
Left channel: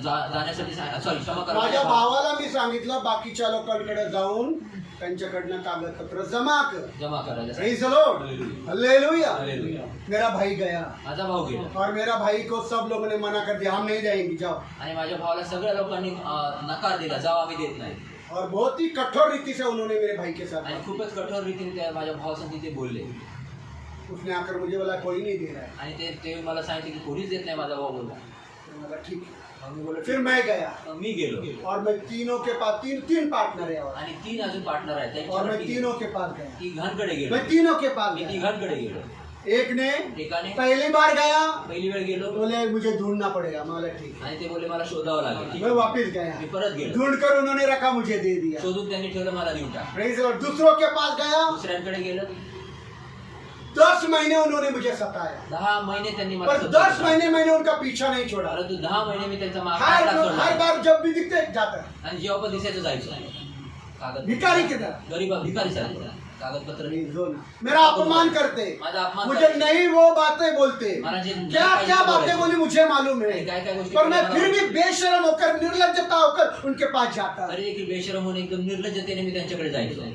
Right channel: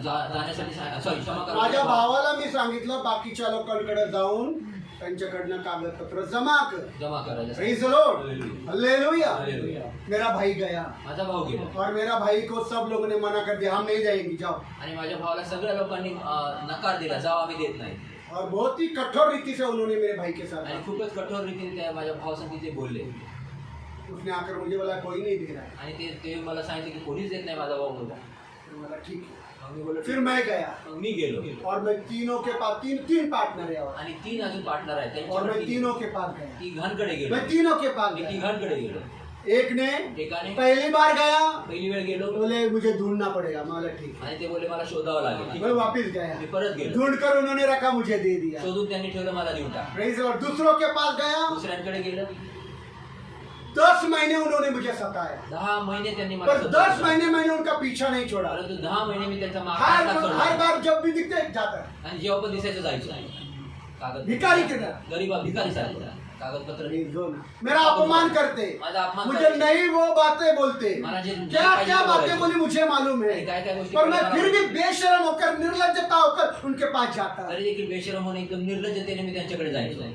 जाण्यासाठी सॉरी क्षमा करा. माझ्या भावाला मी सांगितलं बाकीच्या लोकांकडे जाऊन त्यांच्याकडनं कागदपत्र जमा कर। जमा करायला. Praise the Lord, hallelujah. Hallelujah. मेरा भाई गया माझा भाऊ गेला और मेरा भाई को सब लोगों ने मना कर दिया, हम नहीं जाएंगे, जाओ। आणि माझ्या भावाला सगळ्या लोकांनी नकार दिला, जाऊ आम्ही देत नाही. और बहुत ही कठोर रीति से उन्होंने मेरे भाई के साथ आणि बात खूपच कठोर रीतीने त्या माझ्या भावासंग तिथे बोलले. की। उसने आकर मुझे बोला कोई नहीं दे रहा है, आणि ते मला सांगितलं की कोणीच देत नाही. माझा भाऊ बोलला. तो बोला ठीक है। मग मी बोललो फिर मैं गया मग मी गेलो. और मैं तीनों के पास तीन पार्टनर है आणि 3 अजून पार्टनर आहेत. और मैं तीनों के पास गया, तिघांकडे गेलो. मैं तीनों के पास मी गया। तिघांकडे गेलो. एक ने एकाने पहली बार गया, पहिली वेळ गेलो बोले मुझे ढूंढना पड़ेगा, मैं बोला ठीक है। आणि ते बोलले मला शोधावं लागेल. ठीक मैं आहे. वापस गया, मी परत गेलो. ढूंढ कर उन्होंने रखा, मुझे दे दिया। शोधून त्यांनी ठेवलं, मला देऊन टाक. Praise the Lord. दूसरों के पास गया, दुसऱ्यांकडे गेलं. 10 महीने उन्होंने मुझे सताया, 10 महिने त्यांनी मला पर सतावलं. 10 महीने मैंने उनका पीछा नहीं छोड़ा। परंतु 10 महिने मी त्यांचा माग हर काढला सोडला. हर बार जब भी दिखते जाता, आणि जेव्हा पण दिसायचं जायचं. कागद भिखारी की तरह। गरीब भिकारी सारखं कागदपत्र नहीं, जो ना। मेरा अपमान करते, माझा अपमान मुझे करते. नहीं वो बातें बोलते, मला जे क्या क्या बोलायचे. बातें बोली मुझे मालूम है, आणि काय काय गोष्टी पर मैं बोलायला फिर भी बेशरम होकर निर्लज्जता होकर उनके पास जाता। तरी देखील बेशरम होऊन एकदम निर्लज्जतेने मी त्यांच्याकडे जायचो.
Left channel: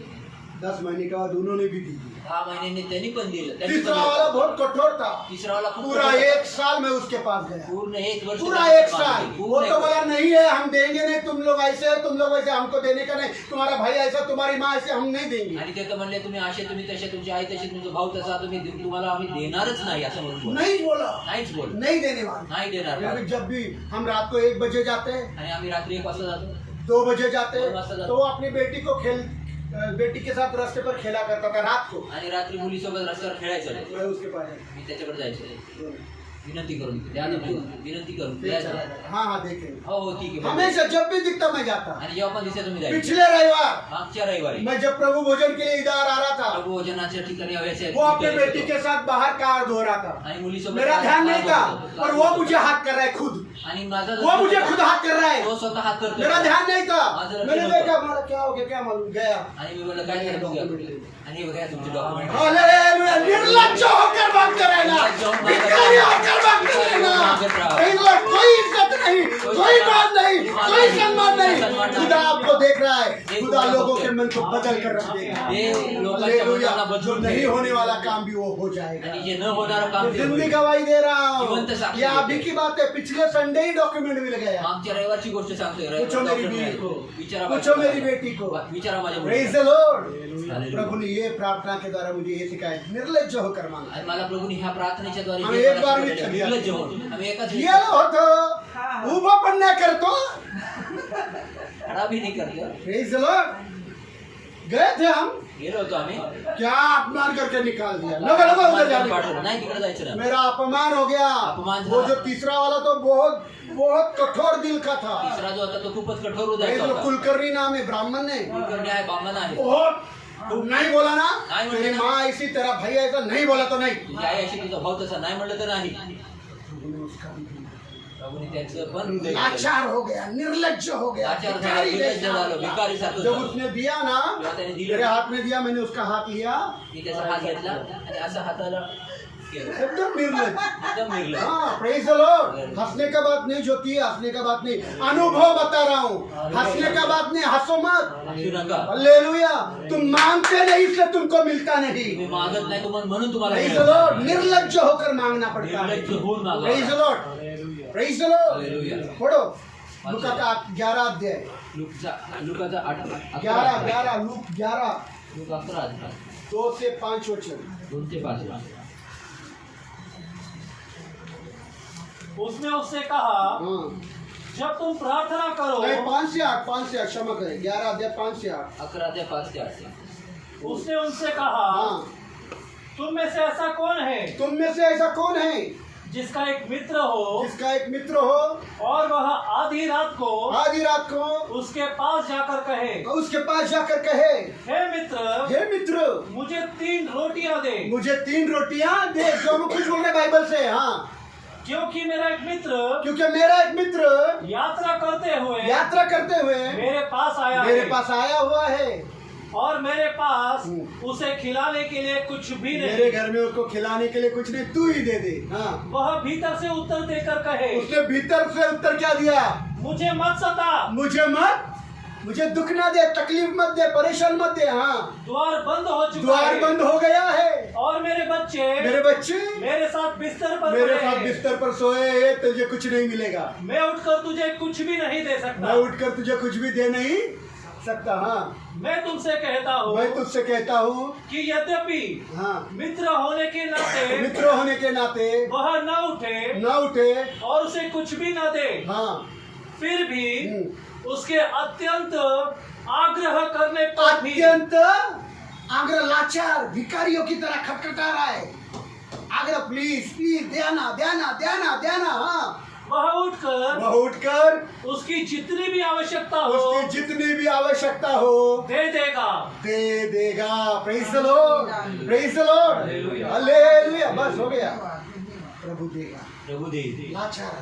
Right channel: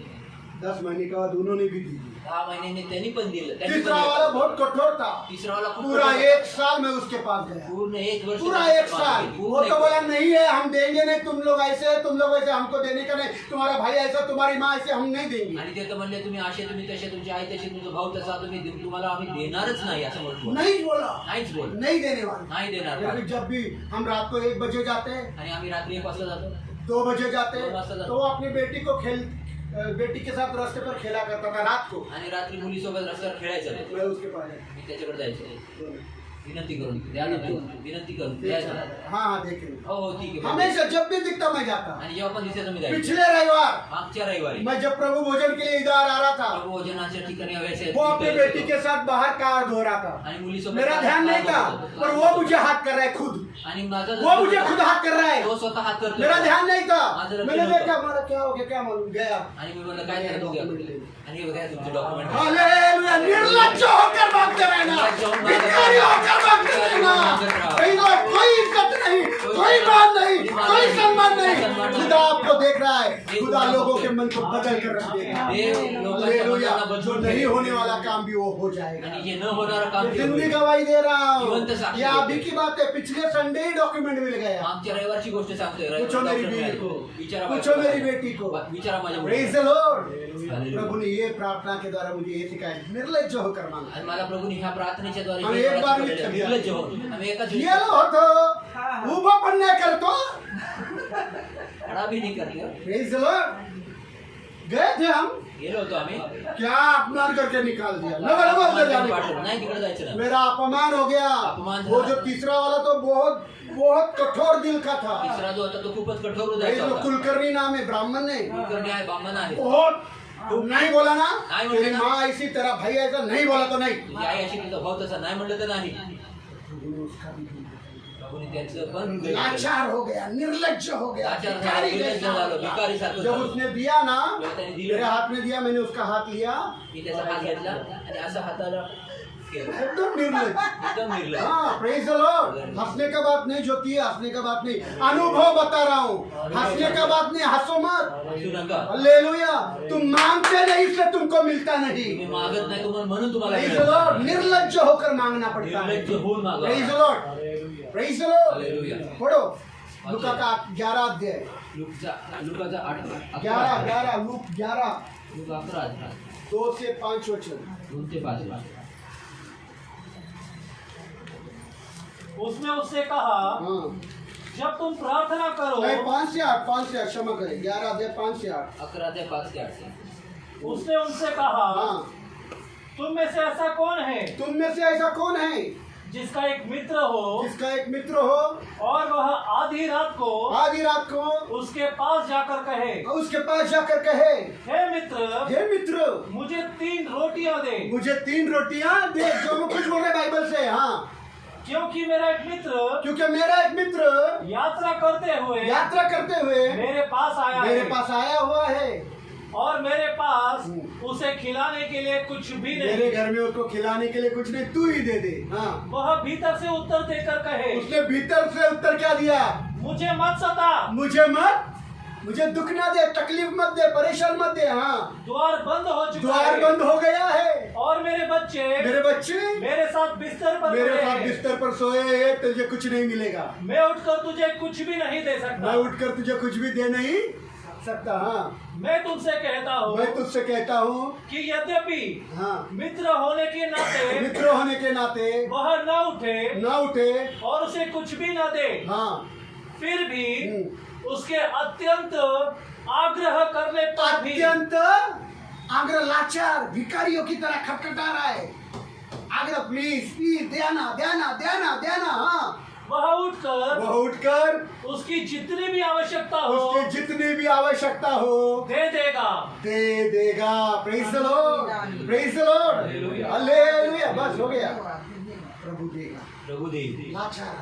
10 महीने के बाद उन्होंने भी दी। 10 महिन्यांनी त्यांनी पण दिलं. त्यांनी पण तीसरा दिलं. वाला बहुत कठोर था, तिसरा वाला खूप पूरा कठोर. 1 साल मैं उसके पास गया, पूर्ण 1 वर्ष पूरा त्यांच्या 1 साल। पाठी. वो पूर्ण तो एक बोला वर्ष. नहीं है, हम देंगे नहीं, तुम लोग ऐसे है, तुम लोग वैसे, हमको देने का नहीं, तुम्हारा भाई ऐसा, तुम्हारी माँ ऐसे, हम नहीं देंगे। आणि ते तर म्हणले तुम्ही असे, तुम्ही तसे, तुमची आई तशी, तुमचा भाऊ तसा, तुम्हाला आम्ही देणारच नाही असं म्हणून नहीं बोला, नाहीच बोल. नहीं देने वाले। नाही देणार. लेकिन जब भी हम रात को 1 बजे जाते हैं, आणि आम्ही रात्री 1 वाजता जातो. 2 बजे जाते दो वाजता हैं, जाते। तो वो अपनी बेटी के साथ रास्ते पर खेला करता था रात को। आणि रात्री मुलीसोबत रस्त्यावर खेळायचं. मैं उसके पास गया। मी त्याच्याकडे जायचो. विनंती करून द्या ना, विनंती करून फिर द्या. चला गया। हाँ हाँ देखेंगे, हो हो ठीक आहे. हमेशा जब भी दिखता मैं जाता। आणि जेव्हा पण दिसायचं मी जायचो. पिछले रविवार मागच्या रविवारी मैं जब प्रभु भोजन के लिए इधर आ रहा था, प्रभू भोजनाच्या ठिकाणी व्यायचे वो अपनी बेटी के साथ बाहर कार धो रहा था। आणि मुलीसोबत मेरा ध्यान नहीं था, पर वो मुझे हाथ कर रहा है खुद, आणि माझा वो मुझे खुद हात कर रहा है। तो स्वतः हात करतो. मेरा ध्यान नहीं था, माझं लक्ष मैंने नव्हतं. देखा, हमारा क्या हो गया, क्या मालूम, गया। आणि मी बोललो काय झालं बघूया. आणि हे बघा तुमचे डॉक्युमेंट. हालेलुया, निर्लज्ज होकर भागते रहना, भिखारी होकर भागते रहना। कोई इज्जत नहीं, कोई बात नहीं, कोई सम्मान नहीं। खुदा रहा है, खुदा लोगों के मन को बदल कर रख देगा। हालेलुया। जो नहीं होने वाला काम भी वो हो जाएगा। जे न होणारं काम ते जिंदगी होईल. गवाही दे रहा हूँ। जिवंत साक्षी ये देतो. अभी की बात है, पिछले संडे ही डॉक्यूमेंट मिल गया। मागच्या रविवारची गोष्ट सांगतोय. पूछो मेरी डॉक्टर बीवी नाही. को, विचारा पूछो मेरी बेटी को। विचारा माझ्या प्रेज मुलीला. The Lord. हालेलुया. प्रभु ने ये प्रार्थना के द्वारा मुझे ये सिखाया, निर्लज्ज होकर मांगा। आणि मला प्रभूने ह्या प्रार्थनेच्या द्वारे आम्ही हे एक बार मला भी शिकवलं. ठगिया. निर्लज्ज होऊन. आम्ही एकाच वेळी गेलो होतो, उभं पण नाही करतो। खडा भी नाही करतो. Praise the Lord. गए थे हम, गेलो होतो आम्ही. क्या अपमान करके निकाल दिया। लगा लगा उधर जाने का। पाठवलं. नाही तिकडे जायचं ना. मेरा अपमान हो गया। अपमान वो झाला. जो तीसरा वाला तो बहुत बहुत कठोर दिल का था। तिसरा जो होता तो खूपच कठोर ये हृदयाचा जो होता. कुलकर्णी नाम है, ब्राह्मण ने कुलकर्णी आहे, बामण आहे. बहुत नहीं बोला ना, नहीं तेरी बोला ना। माँ ऐसी, तेरा भाई ऐसा, नहीं बोला तो नहीं। तुझी आई अशी, तुझा भाऊ तसा, नाही म्हणलं तर नाही. उसका भी दिल प्रभूने त्याचं पण लाचार हो गया, निर्लज्ज हो गया, लाचार झाला, भिखारी निर्लज्ज जैसा झालो, हो गया। भिखारी सारखं जब झालो. उसने दिया ना, जेव्हा त्याने दिलं मेरे हाथ में दिया, मैंने उसका हाथ लिया, मी त्याचा हात घेतला आणि असं हाताला केलं. एकदम निर्लज्ज। एकदम निर्लज्ज. हाँ, प्रेज द लॉर्ड। हंसने का बात नहीं, ज्योति हंसने का बात नहीं, अनुभव बता रहा हूँ। हंसने का बात नहीं, हंसो मत। हसू नका. हालेलुया। तुम मांगते नहीं इसलिए तुमको मिलता नहीं। तुम्ही मागत नाही तुम्हाला म्हणून तुम्हाला प्रेज द मिळालं. लॉर्ड। निर्लज्ज होकर मांगना पड़ता है। निर्लज्ज होऊन मागा. Praise the Lord. Praise the Lord. Hallelujah. पढ़ो लूका का 11 अध्याय, लुकाचा 8 11 लूक 11 लूक 11 2 से 5 वचन। 2 ते 5. उसने उससे कहा, हाँ, जब तुम प्रार्थना करो, नहीं 5 से 8, 5 से 8 क्षमा करें, 11 अध्याय 5 से 8। 11 ते 5 ते 8. उसने उनसे कहा, हाँ, तुम में से ऐसा कौन है तुम में से ऐसा कौन है जिसका एक मित्र हो जिसका एक मित्र हो और वह आधी रात को आधी रात को उसके पास जाकर कहे, उसके पास जाकर कहे, हे मित्र, हे मित्र, मुझे 3 रोटियां दे, मुझे 3 रोटियां दे। जो मैं कुछ बोल रहे बाइबल से। हाँ, क्योंकि मेरा एक मित्र क्योंकि मेरा एक मित्र यात्रा करते हुए मेरे पास आया हुआ है और मेरे पास उसे खिलाने के लिए कुछ भी मेरे नहीं। घर में उसको खिलाने के लिए कुछ नहीं, तू ही दे दे। हाँ, वह भीतर से उत्तर देकर कहे, उसने भीतर से उत्तर क्या दिया? मुझे मत सता, मुझे दुख ना दे, तकलीफ मत दे, परेशान मत दे। हाँ, द्वार बंद हो चुका द्वार है बंद हो गया है और मेरे बच्चे मेरे साथ बिस्तर पर मेरे सोए साथ हैं। बिस्तर पर सोए हैं, तुझे कुछ नहीं मिलेगा। मैं उठकर तुझे कुछ भी नहीं दे सकता। मैं उठकर तुझे कुछ भी दे नहीं सकता। हाँ, मैं तुझसे कहता हूँ मैं तुझसे कहता हूँ कि यद्यपि हाँ, मित्र होने के नाते मित्र होने के नाते वह न उठे और उसे कुछ भी न दे, हाँ, फिर भी उसके अत्यंत आग्रह करने पर भी अत्यंत आग्रह, लाचार भिखारियों की तरह खटखटा रहा है। आग्रह, प्लीज प्लीज, देना देना देना देना। हाँ, वह उठकर उसकी जितनी भी आवश्यकता हो दे देगा। Praise the Lord, praise the Lord, hallelujah. बस हो गया, प्रभु देगा। लाचार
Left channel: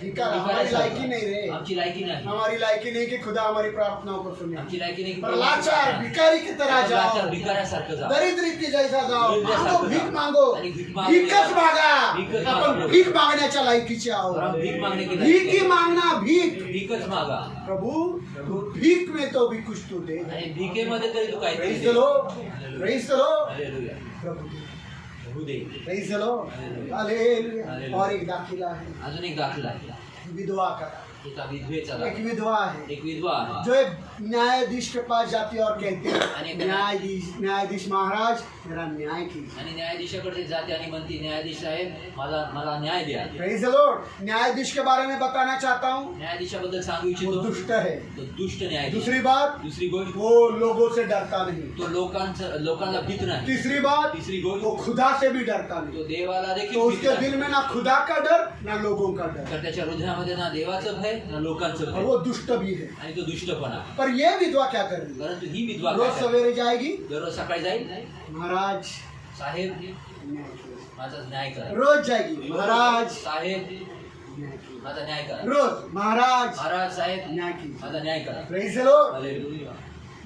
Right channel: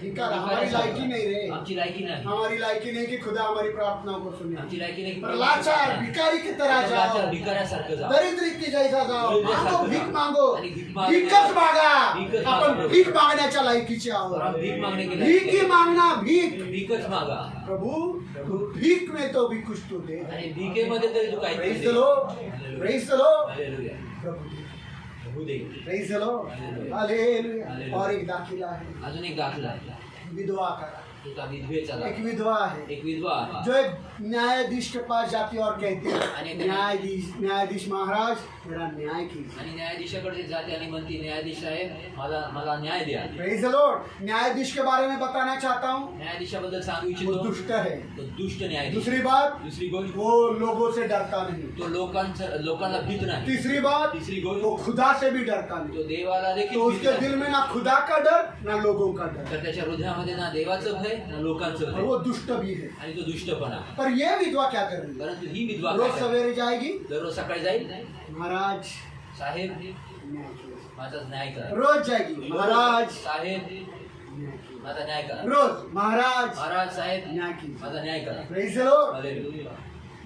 भिखार हमारी लायकी नहीं रे, आमची लायकी नाही. हमारी लायकी नहीं कि खुदा हमारी प्रार्थनाओं को सुने। आमची लायकी नाही की पर लाचार भिखारी की तरह जाओ, लाचार भिकाऱ्यासारखं जा. दरिद्री की जैसा जाओ, दरिद्रासारखं मांगो, भीक जा. मांगो, आणि भीक मागू. भीकच मागा। भीकच आपण मागू. भीक मागण्याच्या लायकीचे आहोत। और हम भीक मागने के भीक ही मांगना, भीक। भीकच मागा. प्रभु भीक में तो भी कुछ तो दे। आणि भीकेमध्ये तरी तू काय praise the Lord, praise the Lord, hallelujah. Prabhu they. Prabhu they. Praise the Lord, hallelujah. और एक दाखिला है, अजून एक दाखला आहे. विधवा का। एका विधवेचा एक दाखला. विधवा है एक विधवा आहे. जो एक न्यायाधीश के पास जाती है और कहती आणि है, एक न्यायाधीश महाराज, मेरा न्याय कीजिए। आणि न्यायाधीशाकडे जाते आणि म्हणते, न्यायाधीश साहेब मला न्याय द्या. Praise the Lord. न्यायाधीश के बारे में बताना चाहता हूँ, न्यायाधीशाबद्दल सांगू वो इच्छितो. दुष्ट है। तो दुष्ट न्यायाधीश. दूसरी बात, दुसरी गोष्ट, वो लोगों से डरता नहीं। तो लोकांना भीत नाही. तीसरी बात, तिसरी गोष्ट, वो खुदा से भी डरता नहीं। तो देवाला तो देखील भीत उसके नाही. दिल में ना खुदा का डर ना लोगों का डर, तर त्याच्या हृदयामध्ये ना देवाचं भय ना लोकांचं और भय, वो दुष्ट भी है। आणि तो दुष्टपणा. पर ये विधवा क्या कर रही है? परंतु ही विधवा रोज काय करते? सवेरे जाएगी, दररोज सकाळी जाईल, महाराज साहेब न्याय कीजिए। माझा न्याय करा. रोज जाएगी, महाराज साहेब न्याय कीजिए। माझा न्याय करा. रोज महाराज महाराज साहेब न्याय कीजिए। माझा न्याय करा. Praise the Lord. हालेलुया.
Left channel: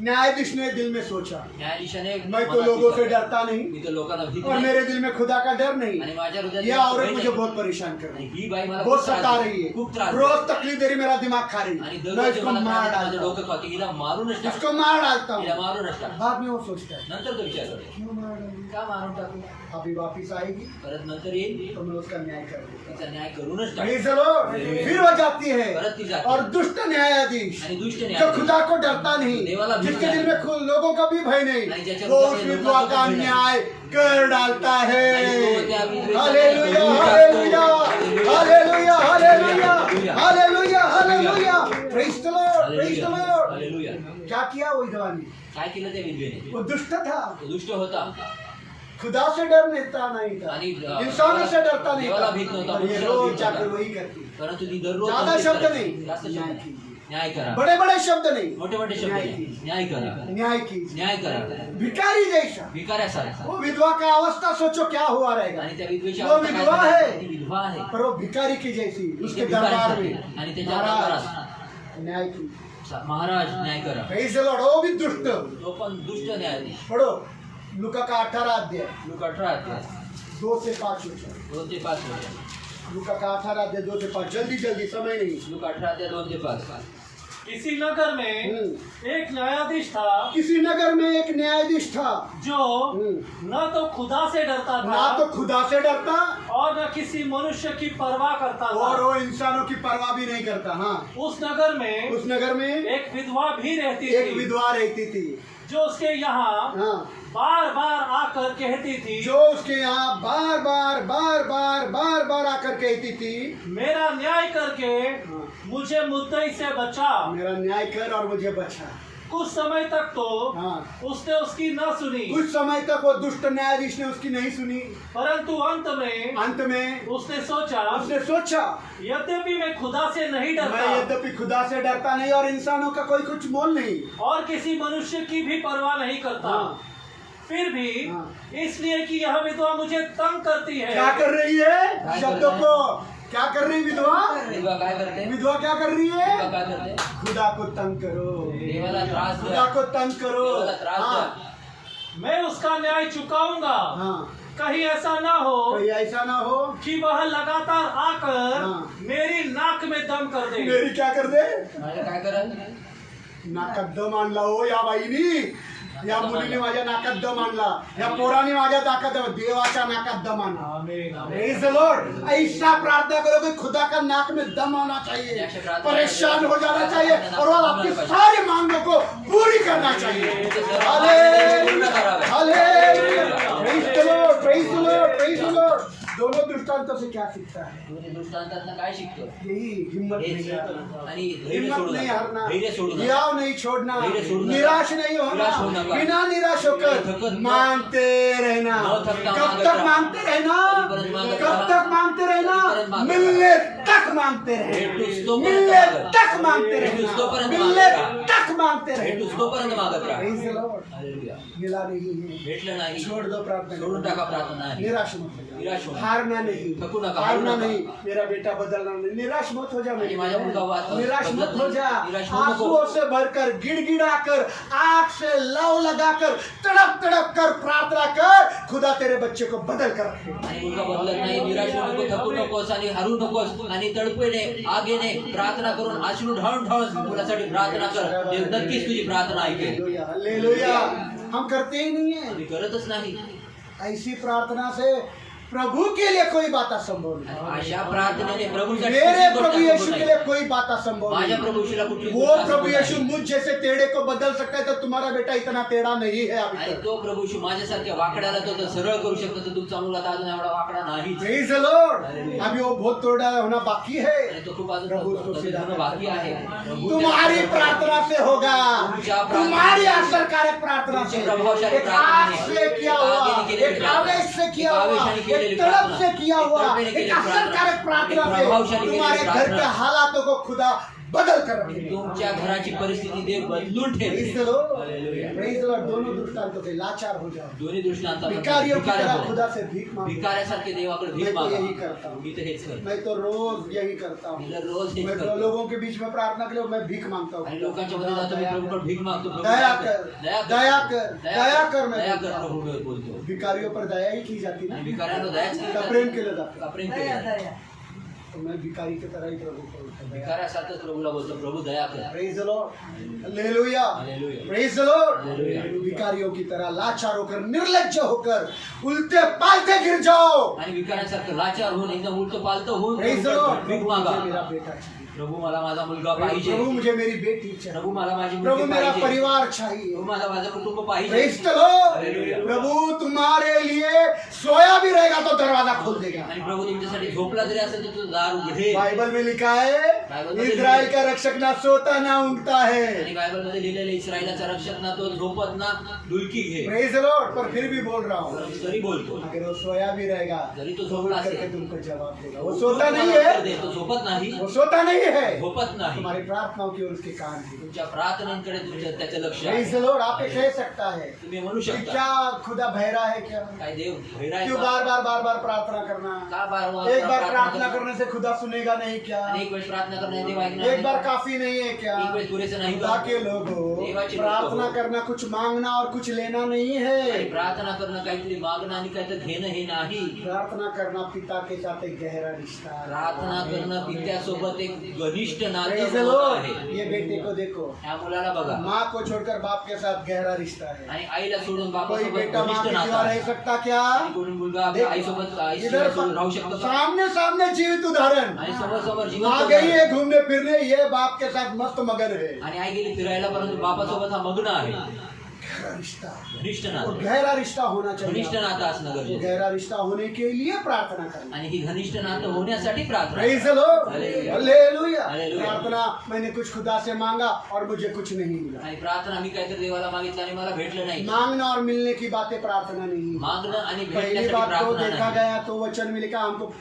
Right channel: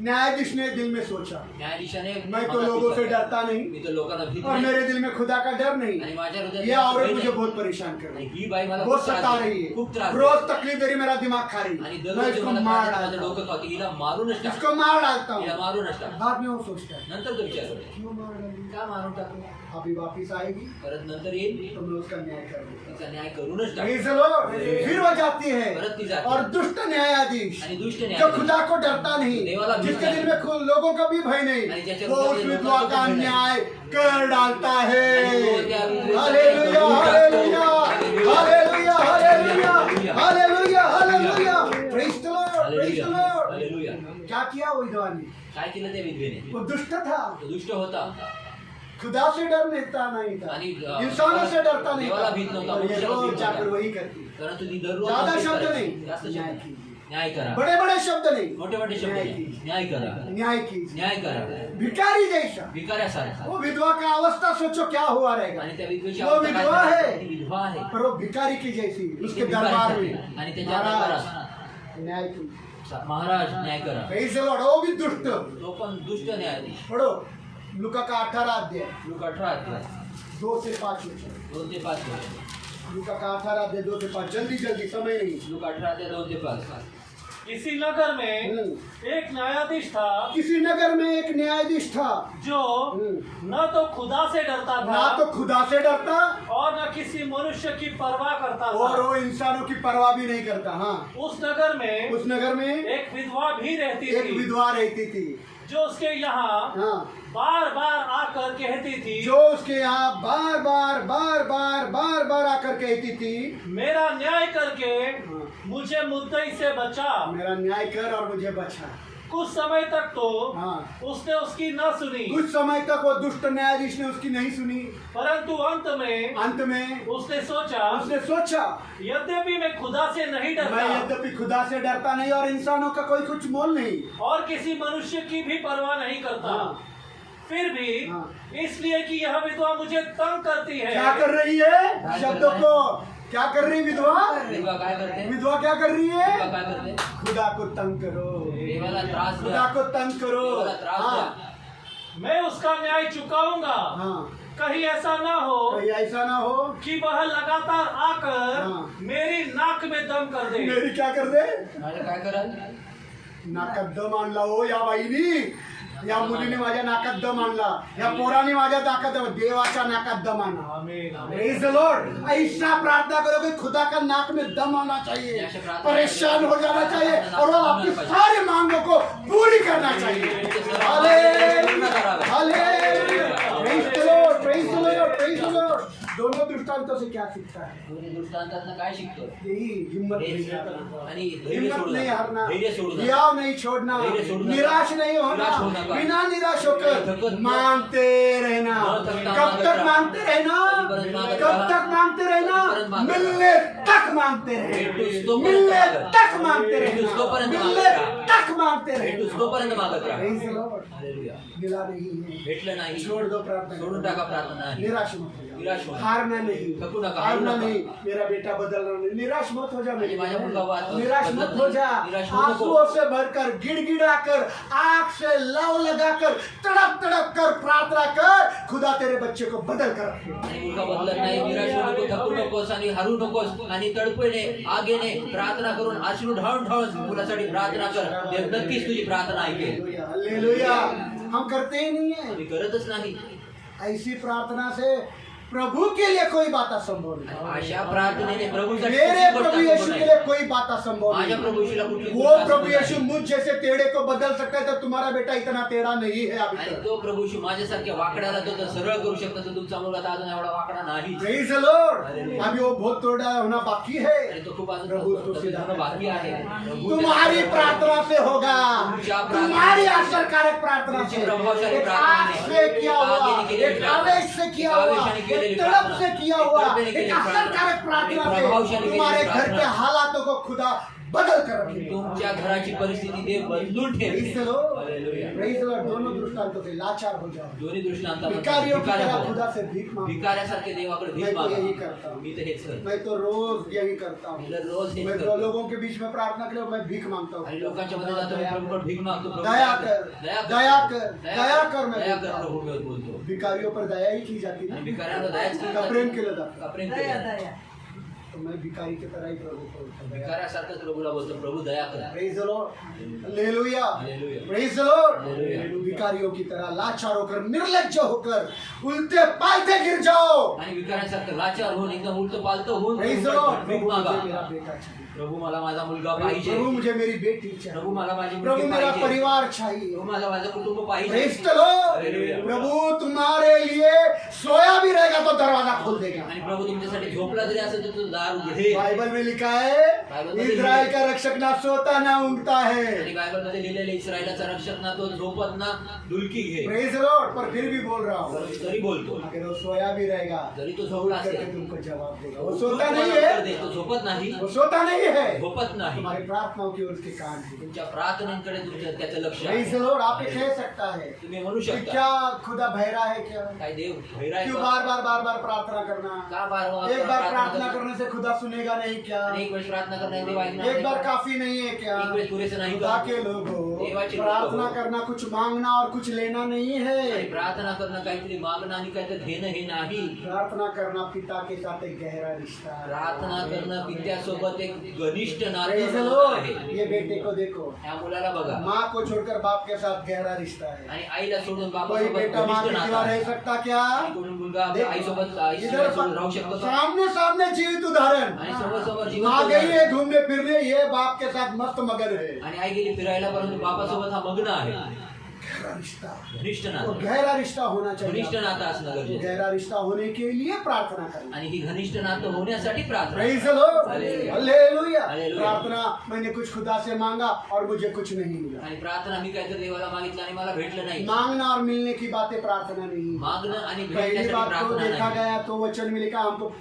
न्यायाधीश ने दिल में सोचा, न्यायाधीशाने मैं तो लोगों से डरता नहीं मी तर लोकांना भीत और नाही. मेरे दिल में खुदा का डर आणि नहीं, माझ्या हृदयात ये भय औरत नाही. मुझे बहुत परेशान कर रही आणि है, ही बाई मला बहुत खूप त्रास सता देते. रही है, खूप त्रास रोज देते. तकलीफ दे रही, मेरा दिमाग खा रही आणि है, दररोज मैं ते इसको मला मार त्रास देते, डालता डोकं हूँ, खाते. हिला मारूनच टाक. इसको मार डालता हिला हूँ. मारूनच टाक. बाद में वो सोचता है नंतर तो विचार करते क्यों मार डाली, का मारून टाकू. अभी वापिस आएगी परत नंतर येईल तो मैं उसका न्याय कर दूंगा. तिचा न्याय करूनच टाक. Praise the Lord. फिर वो जाती है परत ती जाते. और दुष्ट न्यायाधीश आणि दुष्ट जो न्याय खुदा को डरता नहीं, देवाला भीत जिसके नाही. दिल में लोगों का भी भय आणि नहीं, ज्याच्या वो हृदयात उस लोकांचा विधवा का भय नाही. न्याय कर डालता है. आणि तो त्या विधवेचा hallelujah, hallelujah, hallelujah, hallelujah, hallelujah, hallelujah. Praise the Lord, praise the Lord. Hallelujah. क्या किया वो विधवा ने? काय केलं त्या विधवेने. वो दुष्ट था, तो दुष्ट होता खुदा से डर नहीं था, आणि इंसानों से डरता नहीं देवाला था, भीत नव्हता, और ये मनुष्याला रोज भीत जाकर नव्हता. वही करती. परंतु ती दररोज ज्यादा नक्कीच शब्द करायची. नहीं, जास्त न्याय शब्द कीजिए. न्याय करा. बड़े बड़े शब्द नहीं, मोठे मोठे शब्द न्याय नाही. कीजिए. न्याय करा. न्याय कीजिए. न्याय करा. भिखारी जैसा भिकाऱ्यासारखा. वो विधवा का अवस्था सोचो क्या हुआ रहेगा. आणि त्या विधवेची वो अवस्था काय विधवा झाली? है. ती विधवा आहे. पर वो भिखारी की जैसी उसके ती भिकाऱ्यासारखी. दरबार में आणि त्याच्या महाराज दरबारात न्याय कीजिए. महाराज न्याय करा. Praise the Lord. वो भी दुष्ट. तो पण दुष्ट न्यायाधीश. पढ़ो लुका का 18 अध्याय लूक 18 अध्याय 2 से 5 वचन. 2 ते 5 वचन. लुका का 18 अध्याय 2 से 5. जल्दी जल्दी, समय नहीं. लूक 18 अध्याय 2 ते 5. इसी नगर में एक न्यायाधीश था किसी नगर में एक न्यायाधीश था जो न तो खुदा से डरता ना था तो खुदा से डरता और न किसी मनुष्य की परवाह करता और था. वो इंसानों की परवाह भी नहीं करता. हाँ, उस नगर में उस नगर में एक विधवा भी रहती एक थी विधवा रहती थी. जो उसके यहाँ हाँ, बार बार आकर कहती थी, जो उसके यहाँ बार बार आकर कहती थी, मेरा न्याय करके हाँ, मुझे मुद्दई से बचा. मेरा न्याय कर और मुझे बचा. कुछ समय तक तो हाँ, उसने उसकी न सुनी, कुछ समय तक वो दुष्ट न्यायाधीश ने उसकी नहीं सुनी. परंतु अंत में उसने उसने सोचा यद्यपि मैं खुदा से नहीं मैं डरता यद्यपि खुदा से डरता नहीं और इंसानों का कोई कुछ मोल नहीं. और किसी मनुष्य की भी परवाह नहीं करता, हाँ, फिर भी हाँ. इसलिए कि यह विधवा मुझे तंग करती है, क्या कर रही है? शब्दों को क्या कर रही विधवा? विधवा काय करते. विधवा क्या कर रही विधवा है? काय करते. खुदा को तंग करो, देवाला त्रास खुदा द्या. को तंग करो. देवाला त्रास हाँ, द्या. मैं उसका न्याय चुकाऊंगा. हाँ, कहीं ऐसा ना हो कोई ऐसा ना हो कि वह लगातार आकर हाँ. मेरी नाक में दम कर दे. मेरी क्या कर दे? माझ्या काय कराल. नाकात दम आणला हो या बाईनी, या मुलीने माझ्या नाकात दम आणला, या पोराने माझ्या नाकात दम, देवाच्या नाकात दम आणा. आमीन, आमीन. Praise the Lord. ऐसा प्रार्थना करो कि खुदा का नाक में दम आना चाहिए, परेशान हो जाना चाहिए और वो आपकी सारी मांगों को पूरी करना चाहिए. Hallelujah, hallelujah. Praise the Lord, praise the Lord, praise the Lord. दोनों दृष्टांतों से क्या सीखता है? दोन्ही दृष्टांतातनं काय शिकतो. यही हिम्मत हेच. नहीं हारना, आणि धैर्य हिम्मत सोडू नहीं नका. हारना, धैर्य सोडू नका. हियाव नहीं छोड़ना, धैर्य सोडू नका. निराश नहीं होना, निराश होऊ नका. बिना निराश होकर थकत- मांगते रहना. न थकता कब मांगत तक रहा. मांगते रहना? कधीपर्यंत मांगत कब रहा. तक मांगते रहना? कधीपर्यंत मांगत मिलने तक मांगते भेटूस रहना, तोपर्यंत मिलने मागत. तक मांगते भेटूस रहना, तोपर्यंत मिलने मागत रहा. तक मांगते भेटूस रहना. तोपर्यंत मागत राहा. Praise the Lord. हालेलुया. मिला नहीं है, भेटलं नाही. छोड़ दो प्रार्थना, सोडून टाका प्रार्थना नाही. निराश मत हो निराश जाओ, होऊ. हारना नहीं, थकू नका, हारना हारू नका. नहीं, मेरा बेटा बदलना नहीं, निराश मत हो जा मेरे आणि माझ्या मुलगा वाद- निराश मत बदलत हो जा. नाही. निराश होऊ नको. आंसुओं से भरकर, गिड़गिड़ाकर, आंख से लव लगाकर, तड़प तड़प कर प्रार्थना कर, खुदा तेरे बच्चे को बदल कर रखे. आणि मुलगा बदलत नाही. निराश होऊ नको, थकू नकोस आणि हरू नकोस आणि तळपेने आगेने प्रार्थना करून अश्रू ढाळून ढाळून मुलासाठी प्रार्थना कर. देव नक्कीच तुझी प्रार्थना ऐकेल. Hallelujah, hallelujah. हम करते ही नहीं है. तुम्ही करतच नाही. ऐसी प्रार्थना से प्रभु के लिए कोई बात असंभव नहीं. अशा प्रार्थनेने प्रभूसाठी मेरे कुठलीच गोष्ट प्रभु यीशु असंभव के नाही. लिए कोई बात असंभव माझ्या नहीं. प्रभू यीशूला कुठली वो गोष्ट प्रभु असंभव यीशु नाही. मुझ जैसे टेढ़े को बदल सकता है, तो तुम्हारा बेटा इतना टेढ़ा नहीं है अभी आणि तक. तो प्रभू यीशू माझ्यासारख्या वाकड्याला तो जर सरळ करू शकतो तर तुमचा मुलगा तर अजून एवढा वाकडा नाही. Praise the Lord. अभी वो बहुत टेढ़ा होना बाकी है. आणि तो खूप अजून प्रभू उसको कमी सीधा होणं बाकी आहे. प्रभू तुम्हारी त्याला- प्रार्थना से होगा, तुम्हारी असरकारक प्रार्थना से, प्रभावशाली एक आग से किया हुआ, एक आवेश से किया हुआ, एक तड़प से किया हुआ, एक असरकारक प्रार्थना से तुम्हारे घर के हालातों को खुदा बदल कर रखेगा। तुमच्या घराची परिस्थिती देव बदलून ठेवेल. Praise the Lord. Hallelujah. Praise the Lord. दोनों दृष्टांतों से लाचार हो जाओ, दोन्ही दृष्टांतामध्ये भिकारियों की तरह हो. खुदा से भीख मांगो। भिकाऱ्यासारखे देवाकडे भीक मैं तो मागा. यही करता हूँ। मी तर हेच करतो. मैं तो रोज यही करता हूँ। मी तर रोज हेच मैं तो करतो. लोगों के बीच में प्रार्थना के लिए मैं भीख मांगता आणि हूँ। लोकांच्या मध्ये जातो, मी प्रभूकडे भीक मागतो. प्रभू दया कर, दया कर, दया कर, मैं दया बोलता कर, हूँ। प्रभू मी बोलतो. भिकारियों पर दया ही की जाती आणि ना, भिकाऱ्यांवर दयाच केली का जाते. प्रेम केलं जातं। का प्रेम केलं जातं. तो मैं भिकारी की तरह ही प्रभु को बोलता हूँ, दया कर। भिकाऱ्यासारखंच प्रभूला बोलतो, प्रभू दया कर. Praise the Lord. Hallelujah. Hallelujah. Praise the Lord. Hallelujah. भिकारियों की तरह लाचार होकर, निर्लज्ज होकर, उल्टे पालते गिर जाओ। आणि भिकाऱ्यासारखं लाचार होऊन एकदम उलट पालत होऊन Praise the Lord. भीक प्रभु मागा. मुझे मेरा बेटा चाहिए, प्रभू मला माझा मुलगा पाहिजे. प्रभु मुझे मेरी बेटी प्रभू चाहिए, मला माझी प्रभू मुलगी मेरा पाहिजे. परिवार चाहिए। प्रभू मला माझं कुटुंब पाहिजे. Praise the Lord. हालेलुया. प्रभू तुम्हारे लिए सोया भी रहेगा तो दरवाजा खोल देगा। आणि प्रभू तुमच्यासाठी झोपला जरी असेल तर तो दार उघडे. बाइबल में लिखा है, बाइबल में इस्राएल का रक्षक ना सोता ना ऊँगता है। आणि बायबल मध्ये लिहिलेले इस्रायलाचा रक्षक ना तो झोपत ना डुलकी घे. Praise the Lord. पर फिर भी बोल रहा हूँ, तरी बोलतो. अगर वो सोया भी रहेगा जरी तो तो झोपला उठ करके असेल, तुमको जवाब देगा। वो सोता नहीं है, तो झोपत नाही. वो सोता नहीं है। झोपत नाही. तुम्हारी प्रार्थनाओं की ओर उसके कान है। तुमच्या प्रार्थनांकडे तुमचं त्याचं लक्ष प्रेज आहे. The Lord. आप ये कह सकता है तुम्ही म्हणू कि शकता क्या खुदा बहरा है क्या? काय देव भैरा आहे क्यों का? बार बार प्रार्थना करना? का बार एक बार प्रार्थना करने से खुदा सुनेगा नहीं क्या? एक वेळेस प्रार्थना करणे देव ऐकणार एक नाही बार का? काफी नहीं है क्या? एक वेळेस पुरेसे नाही खुदा का? के लोगों, देवाचे प्रार्थना लोक. करना कुछ मांगना और कुछ लेना नहीं आणि है। प्रार्थना करणं काहीतरी मागणं आणि काहीतरी घेणं हे नाही. प्रार्थना करना पिता के साथ एक गहरा रिश्ता है। प्रार्थना करणं पित्यासोबत एक घनिष्ठ नातं Praise the होणं Lord. आहे. ये बेटे को देखो, ह्या मुलाला बघा. माँ को छोड़कर बाप के साथ गहरा रिश्ता है। आणि आईला सोडून कोई बापासोबत बेटा माँ घनिष्ठ के नातं सिवा आहे. रह सकता क्या? आणि कोणी मुलगा आपल्या आईसोबत इधर सोडून राहू शकतो का? सामने सामने जीवित उदाहरण। आणि समोर समोर जीवन माँ गई है घूमने फिरने, ये बाप के साथ मस्त मगन है। आणि आई गेली फिरायला, परंतु बापासोबत हा मग्न आहे. गहरा रिश्ता, घनिष्ठ और नातं. गहरा रिश्ता होना घनिष्ठ चाहिए। नातं असणं गरजेचं. गहरा रिश्ता होने के लिए प्रार्थना करें। आणि ही घनिष्ठ नातं होण्यासाठी प्रार्थना. Praise the Lord. Hallelujah. Hallelujah. Hallelujah. प्रार्थना, मैंने कुछ खुदा से मांगा और मुझे कुछ नहीं मिला। आणि प्रार्थना मी काहीतरी देवाला मागितलं आणि मला भेटलं नाही. मांगना और मिलने की बातें प्रार्थना नहीं है। मागणं आणि पहली भेटण्यासाठी बात तो प्रार्थना देखा नाही. गया तो वचन में लिखा, हमको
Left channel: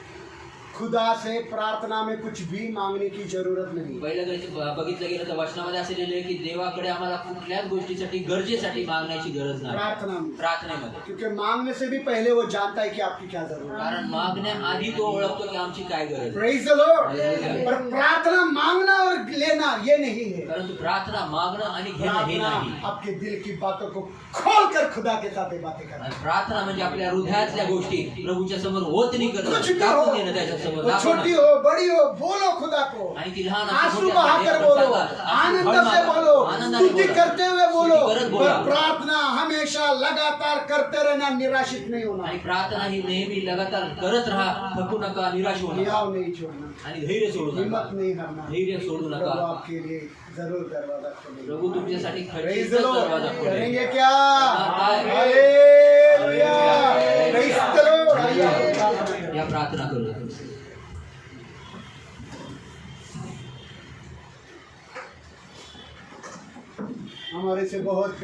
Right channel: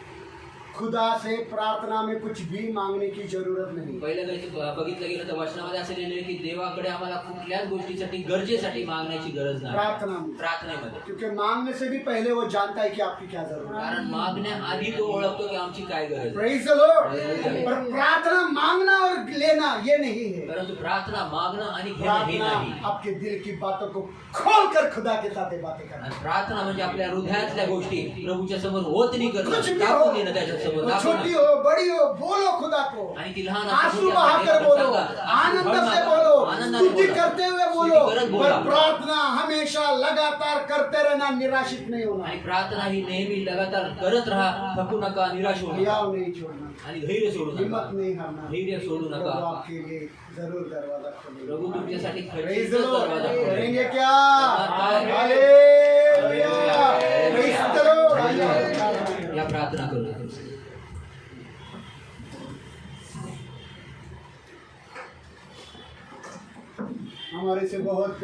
खुदा से प्रार्थना में कुछ भी मांगने की जरूरत नहीं। पहिल्या गोष्टी बघितलं गेलं तर वचनामध्ये असे लिहिलेलं आहे की देवाकडे आम्हाला कुठल्याच गोष्टीसाठी गरजेसाठी मागण्याची गरज नाही. प्रार्थना में, प्रार्थनेमध्ये. क्योंकि मांगने से भी पहले वो जानता है कि आपकी क्या जरूरत है। कारण मागण्याआधी तो ओळखतो की आमची काय गरज आहे. Praise the Lord. हालेलुया. पर प्रार्थना मांगना और लेना ये नहीं है। परंतु प्रार्थना मागणं आणि घेणं हे प्रार्थना नाही. आपके दिल की बातों को खोल कर खुदा के साथ ये बातें करना। आणि प्रार्थना म्हणजे आपल्या हृदयातल्या गोष्टी प्रभूच्या समोर ओतणी कुछ करणं, भी हो, टाकून घेणं त्याच्या समोर, वो छोटी दाखवणं. हो बड़ी हो, बोलो खुदा को, आणि ती लहान आंसू बहाकर बोलो, आनंद से बोलो, स्तुति करते हुए बोलो। पर प्रार्थना हमेशा लगातार करते रहना, निराशित नहीं होना, आणि प्रार्थना ही नेहमी लगातार करत राहा, थकू नका, निराश होऊ नका, हियाव नहीं छोड़ना, आणि धैर्य सोडू हिम्मत नका. नहीं हारना। धैर्य सोडू प्रभु नका. आपके लिए जरूर दरवाजा खोलेगा। प्रभू तुमच्यासाठी Praise खचित the Lord. दरवाजा खोलेल. करेंगे क्या? काय? हालेलुया. Praise the Lord. आइए प्रार्थना करें। या प्रार्थना करू. हमारे से बहुत